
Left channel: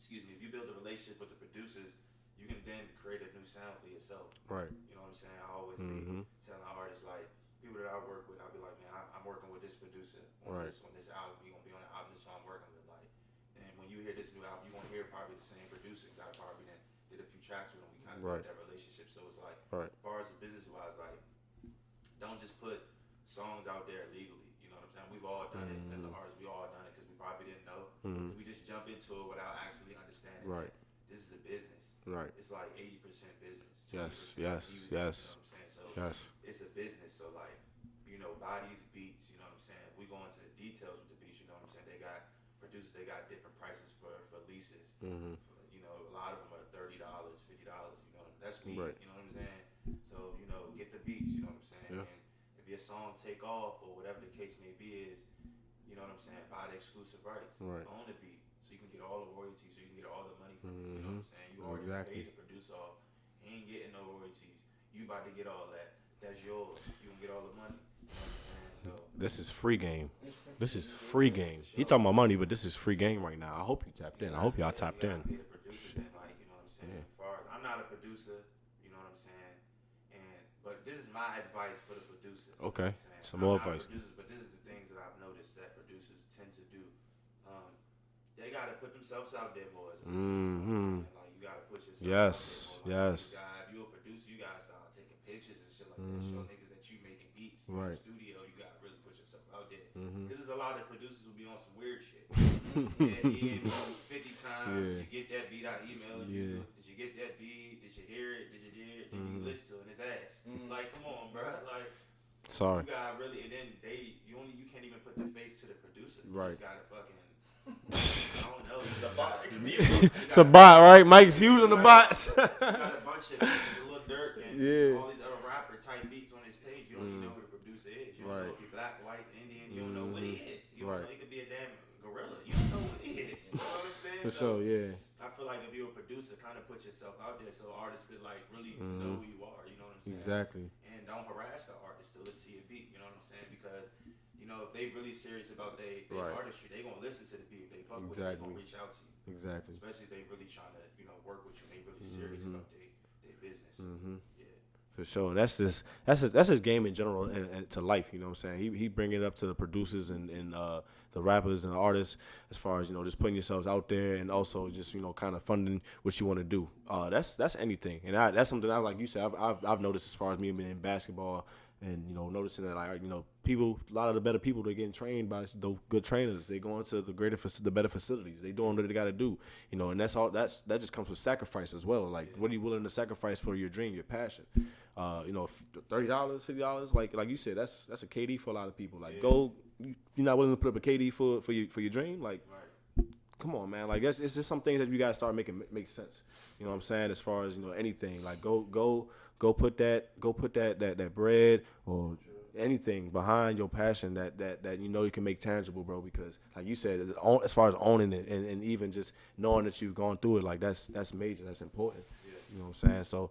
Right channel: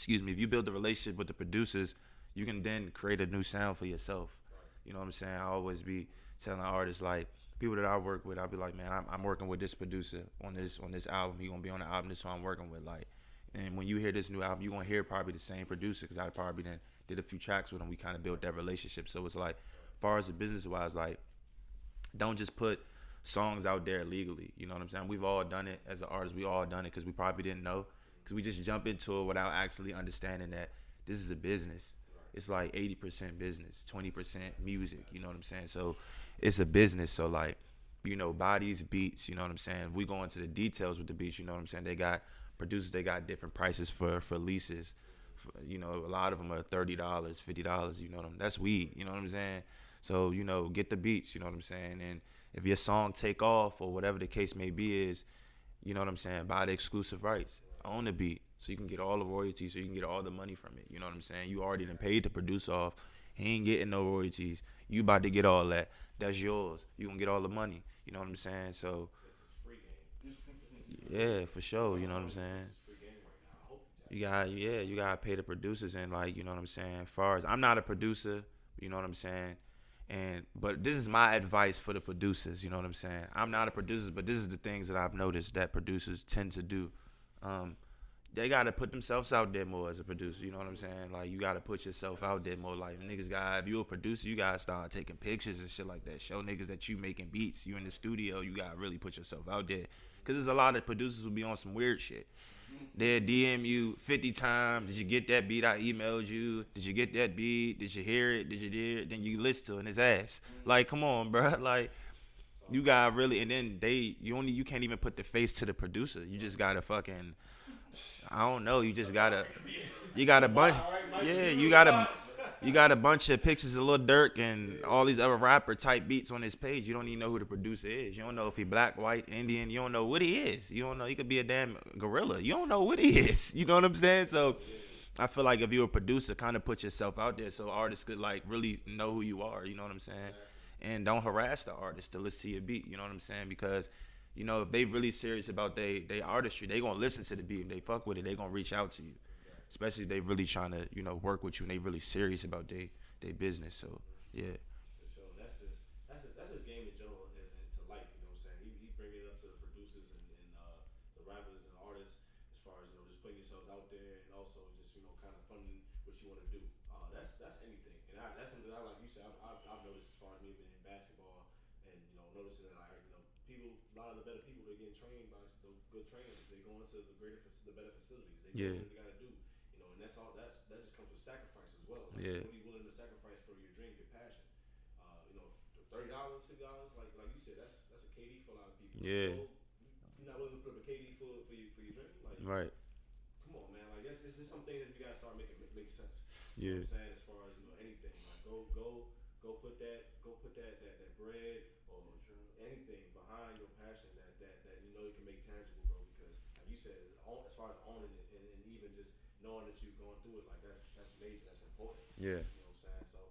if you build the relationship with the producers, you can then create a new sound for yourself. Right. You know what I'm saying? I always be telling artists, like, people that I work with, I'll be like, man, I'm working with this producer on this album. He gonna be on the album. This is who I'm working with. Like, and when you hear this new album, you gonna hear probably the same producer, because I probably did a few tracks with him. We kind of built that relationship. So it's like, as far as the business wise, like, don't just put songs out there legally. You know what I'm saying? We've all done it as an artist. We all done it because we probably didn't know, because we just jump into it without actually understanding that this is a business. Right. It's like 80% business, 20% music. You know what I'm saying? So it's a business. So, like, you know, bodies, beats. You know what I'm saying? We go into the details with the beats. You know what I'm saying? They got producers. They got different prices for leases. You know, a lot of them are $30, $50. You know what I'm? That's weed. Right. You know what I'm saying? So, you know, get the beats. You know what I'm saying? Yep. And if your song take off or whatever the case may be is, you know what I'm saying, buy the exclusive rights, own the beat, so you can get all the royalties, so you can get all the money from it. You know what I'm saying? You already paid the producer off. He ain't getting no royalties. You about to get all that. That's yours. You gonna get all the money. You know what I'm saying? So this is free game. This is free game. For sure. You talking about money, but this is free game right now. I hope you tap in. I hope y'all tap in. You gotta pay the producers, and, like, you know what I'm saying? As far as, I'm not a producer, you know what I'm saying? But this is my advice for the producers. You know what I'm saying? I'm not a producer, but this is the things that I've noticed that producers tend to do. They gotta put themselves out there more as a producer. You know what I'm saying? Like, you gotta put yourself out there more. Like, niggas if you're a producer, you gotta start taking pictures and shit like that. Show niggas that you making beats. You in the studio. You gotta really put yourself out there. Cause there's a lot of producers who be on some weird shit. They'll DM you 50 times. Did you get that beat? I emailed you. Did you get that beat? Did you hear it? Did you hear it? Then you listen to it, and it's ass. Like, come on, bro. Like, sorry. You gotta really, and then you can't even put the face to the producer. You just gotta fucking, I don't know. You just gotta. It's a bot, right? Mike's using the bots. You got a bunch of pictures of Lil Durk and all these other rapper type beats on his page. You don't even know who the producer is. You don't know if he black, white, Indian. You don't know what he is. You don't know. He could be a damn gorilla. You don't know what he is. You know what I'm saying? So I feel like if you're a producer, kind of put yourself out there so artists could, like, really know who you are. You know what I'm saying? Exactly. And don't harass the artist to listen to your beat. You know what I'm saying? Because, you know, if they really serious about their artistry, they gonna listen to the beat. If they fuck with it, they gonna reach out to you. Exactly. Especially if they really trying to, you know, work with you and they really serious about their business. So yeah. For sure. That's his game in general and to life. You know what I'm saying? He bring it up to the producers and the rappers and the artists, as far as, you know, just putting yourselves out there, and also just, you know, kind of funding what you want to do. That's anything, and that's something like you said, I've noticed as far as me being in basketball. And, you know, noticing that, like, you know, a lot of the better people, they're getting trained by the good trainers. They going to the better facilities. They doing what they got to do, you know. And that just comes with sacrifice as well. Like, what are you willing to sacrifice for your dream, your passion? You know, $30, $50, like you said, that's a KD for a lot of people. Like, you're not willing to put up a KD for your dream, like, come on, man. Like, it's just some things that you gotta start making make sense. You know what I'm saying? As far as, you know, anything, like, go put that bread or anything behind your passion that you know you can make tangible, bro. Because, like you said, as far as owning it and even just knowing that you've gone through it, like, that's major, that's important. Yeah, you know what I'm saying? So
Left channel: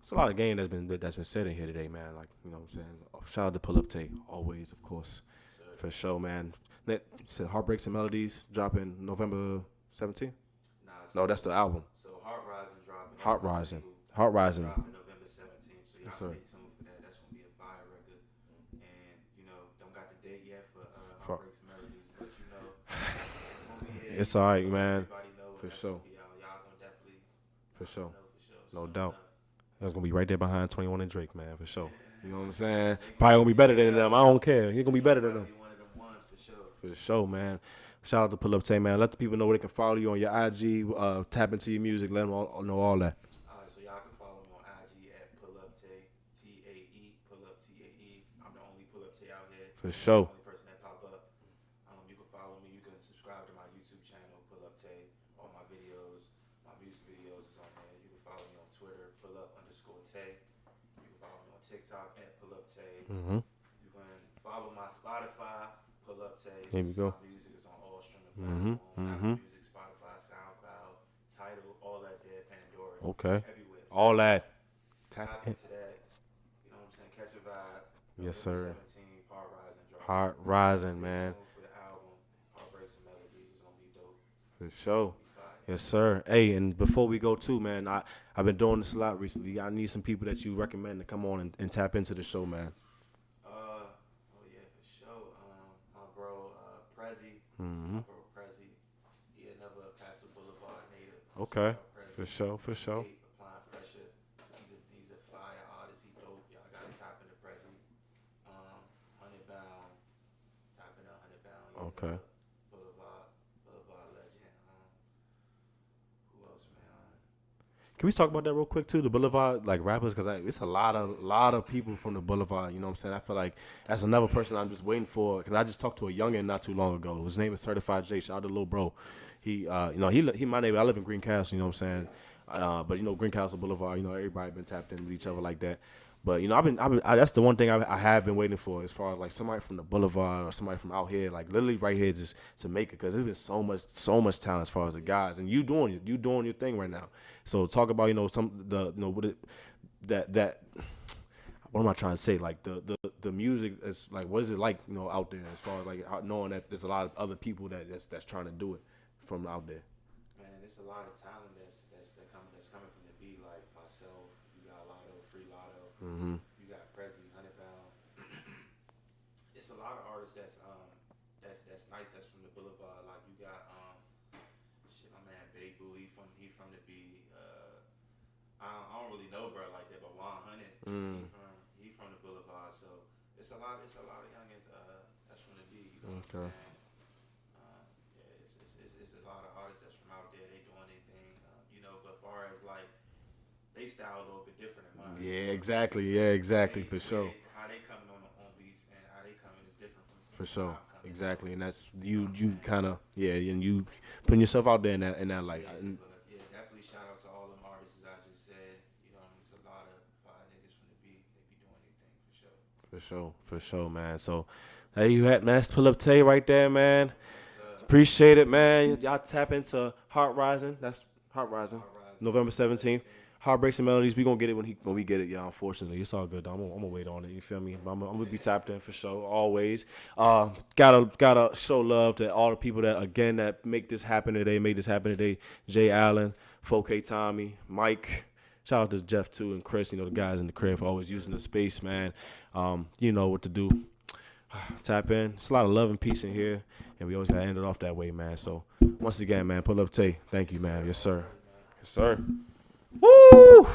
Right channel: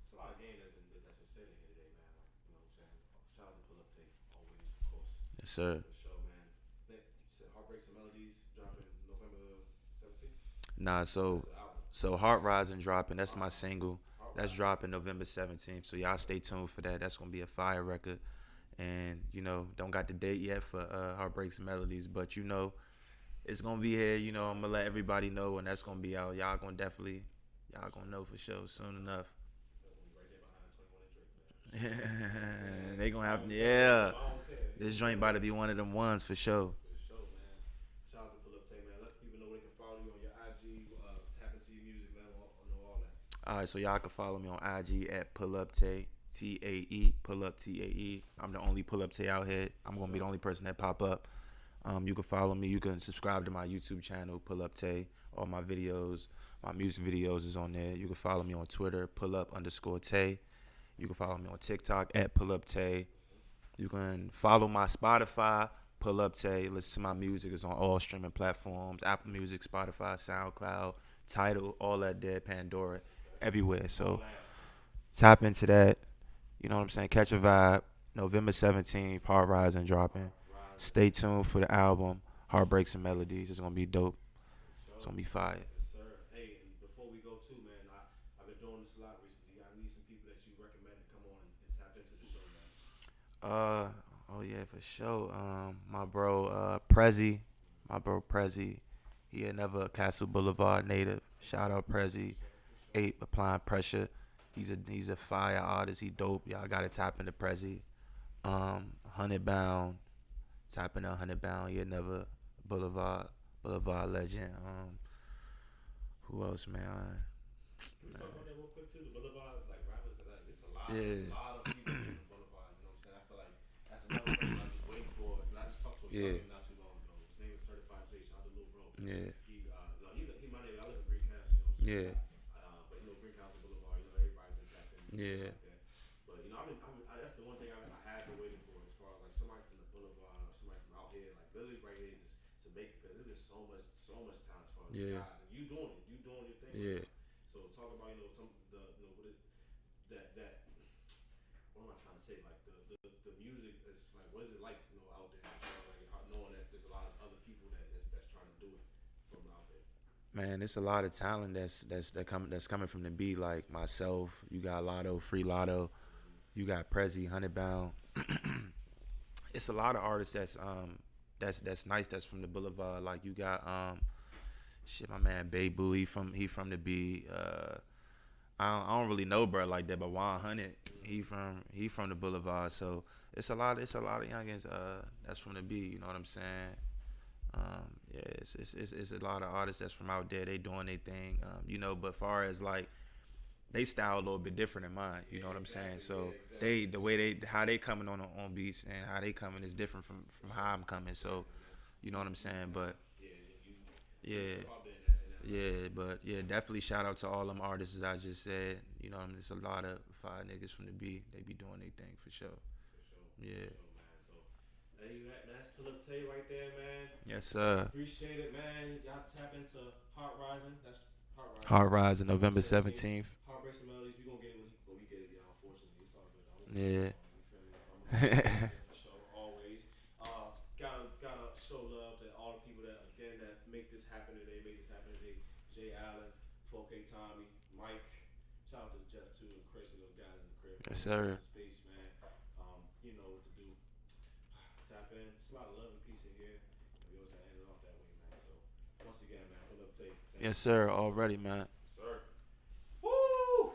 it's a lot of game that's been said in here today, man. Like, you know what I'm saying? Shout out to PullUp Tae, always, of course. Yes, sir. For sure, man. You said Heartbreaks and Melodies dropping November 17th? Nah, so that's the album. So Heart Rising dropping. That's my single. Heart Rising dropping November 17th. So y'all stay tuned for that. That's gonna be a fire record. And, you know, don't got the date yet for Heartbreaks and Melodies, but, you know, it's gonna be here. It's all right, man. Let everybody know when that's gonna be out. Y'all gonna definitely gonna know for sure. No doubt. Enough. That's gonna be right there behind 21 and Drake, man, for sure. You know what I'm saying? Probably gonna be better than them. I don't care. He's gonna be better than them. Be one of them ones for sure. For sure, man. Shout out to PullUp Tae, man. Let the people know where they can follow you on your IG. Tap into your music. Let them know all that. All right, so y'all can follow me on IG at PullUp Tae, Tae, PullUp Tae. I'm the only PullUp Tae out here. I'm sure. the only person that pop up. You can follow me. You can subscribe to my YouTube channel, PullUp Tae. All my videos, my music videos is on there. You can follow me on Twitter, PullUp_Tae. You can follow me on TikTok at PullUp Tae. You can follow my Spotify, PullUp Tae. Listen to my music. It's on all streaming platforms, Apple Music, Spotify, SoundCloud, Tidal, all that there, Pandora. Okay. Everywhere. So all that. Tap into that. You know what I'm saying? Catch a vibe. November 17th, Heart Rising dropping. Heart Rising, Stay tuned for the album, Heartbreaks and Melodies. It's going to be dope. For sure. It's going to be fire. Yes, sir. Hey, and before we go too, man, I've been doing this a lot recently. I need some people that you recommend to come on and tap into the show, man. Oh, yeah, for sure. My bro, Prezi. My bro, Prezi. He another Castle Boulevard native. Okay. Shout out Prezi. For sure. 8 Applying Pressure. He's a fire artist. He dope. Y'all gotta tap into Prezi. 100 Bound. Tap into 100 Bound. Yeah, another Boulevard legend. Who else, man? Can we talk about that real quick too? The Boulevard, like rappers, because it's a lot of people from the Boulevard. You know what I'm saying? I feel like that's another person I'm just waiting for. Because I just talked to a youngin' not too long ago. His name is Certified J. Shout out to little bro. Yeah. He my neighbor. I live in Greencastle. You know what I'm saying? Yeah. But Greencastle Boulevard. Everybody been tapped into each other like that. But that's the one thing I have been waiting for, as far as like somebody from the Boulevard or somebody from out here, like literally right here, just to make it, because there's been so much talent as far as the guys, and you doing your thing right now. So talk about that. What am I trying to say? Like the music is like, what is it like out there, as far as like knowing that there's a lot of other people that's trying to do it from out there. Man, it's a lot of talent that's coming from the beat, like myself. You got Lotto, Free Lotto. You got Prezi, 100 Bound. It's a lot of artists that's nice. That's from the Boulevard. Like you got my man Babu. He from the B. I don't really know bro like that, but 100. He from the Boulevard. So it's a lot of youngins that's from the B. You know what I'm saying? It's a lot of artists that's from out there. They doing their thing, But far as like, they style a little bit different than mine. Yeah, you know exactly. So yeah, exactly. the way how they coming on beats and how they coming is different from how I'm coming. Exactly, so, and that's you kind of and you putting yourself out there in that light. Yeah, definitely shout out to all them artists that I just said. There's a lot of fire niggas from the B. They be doing their thing for sure. For sure, man. So. Hey, you had, man, that's PullUp Tae right there, man. Yes, sir. Appreciate it, man. Y'all tap into Heart Rising. That's Heart Rising. Heart Rising, November 17th. Heartbreaks and Melodies. We gonna get it when we get it, y'all. Unfortunately, it's all good. I'm gonna wait on it. You feel me? I'm gonna be tapped in for sure. Always. Gotta show love to all the people that make this happen today. Jay Allen, 4K Tommy, Mike. Shout out to Jeff too and Chris. The guys in the crib for always using the space, man. You know what to do. Tap in. It's a lot of love and peace in here, and we always gotta end it off that way, man. So once again, man, PullUp Tae. Thank you, man. Yes, sir. Already, man. Yes, sir. Woo!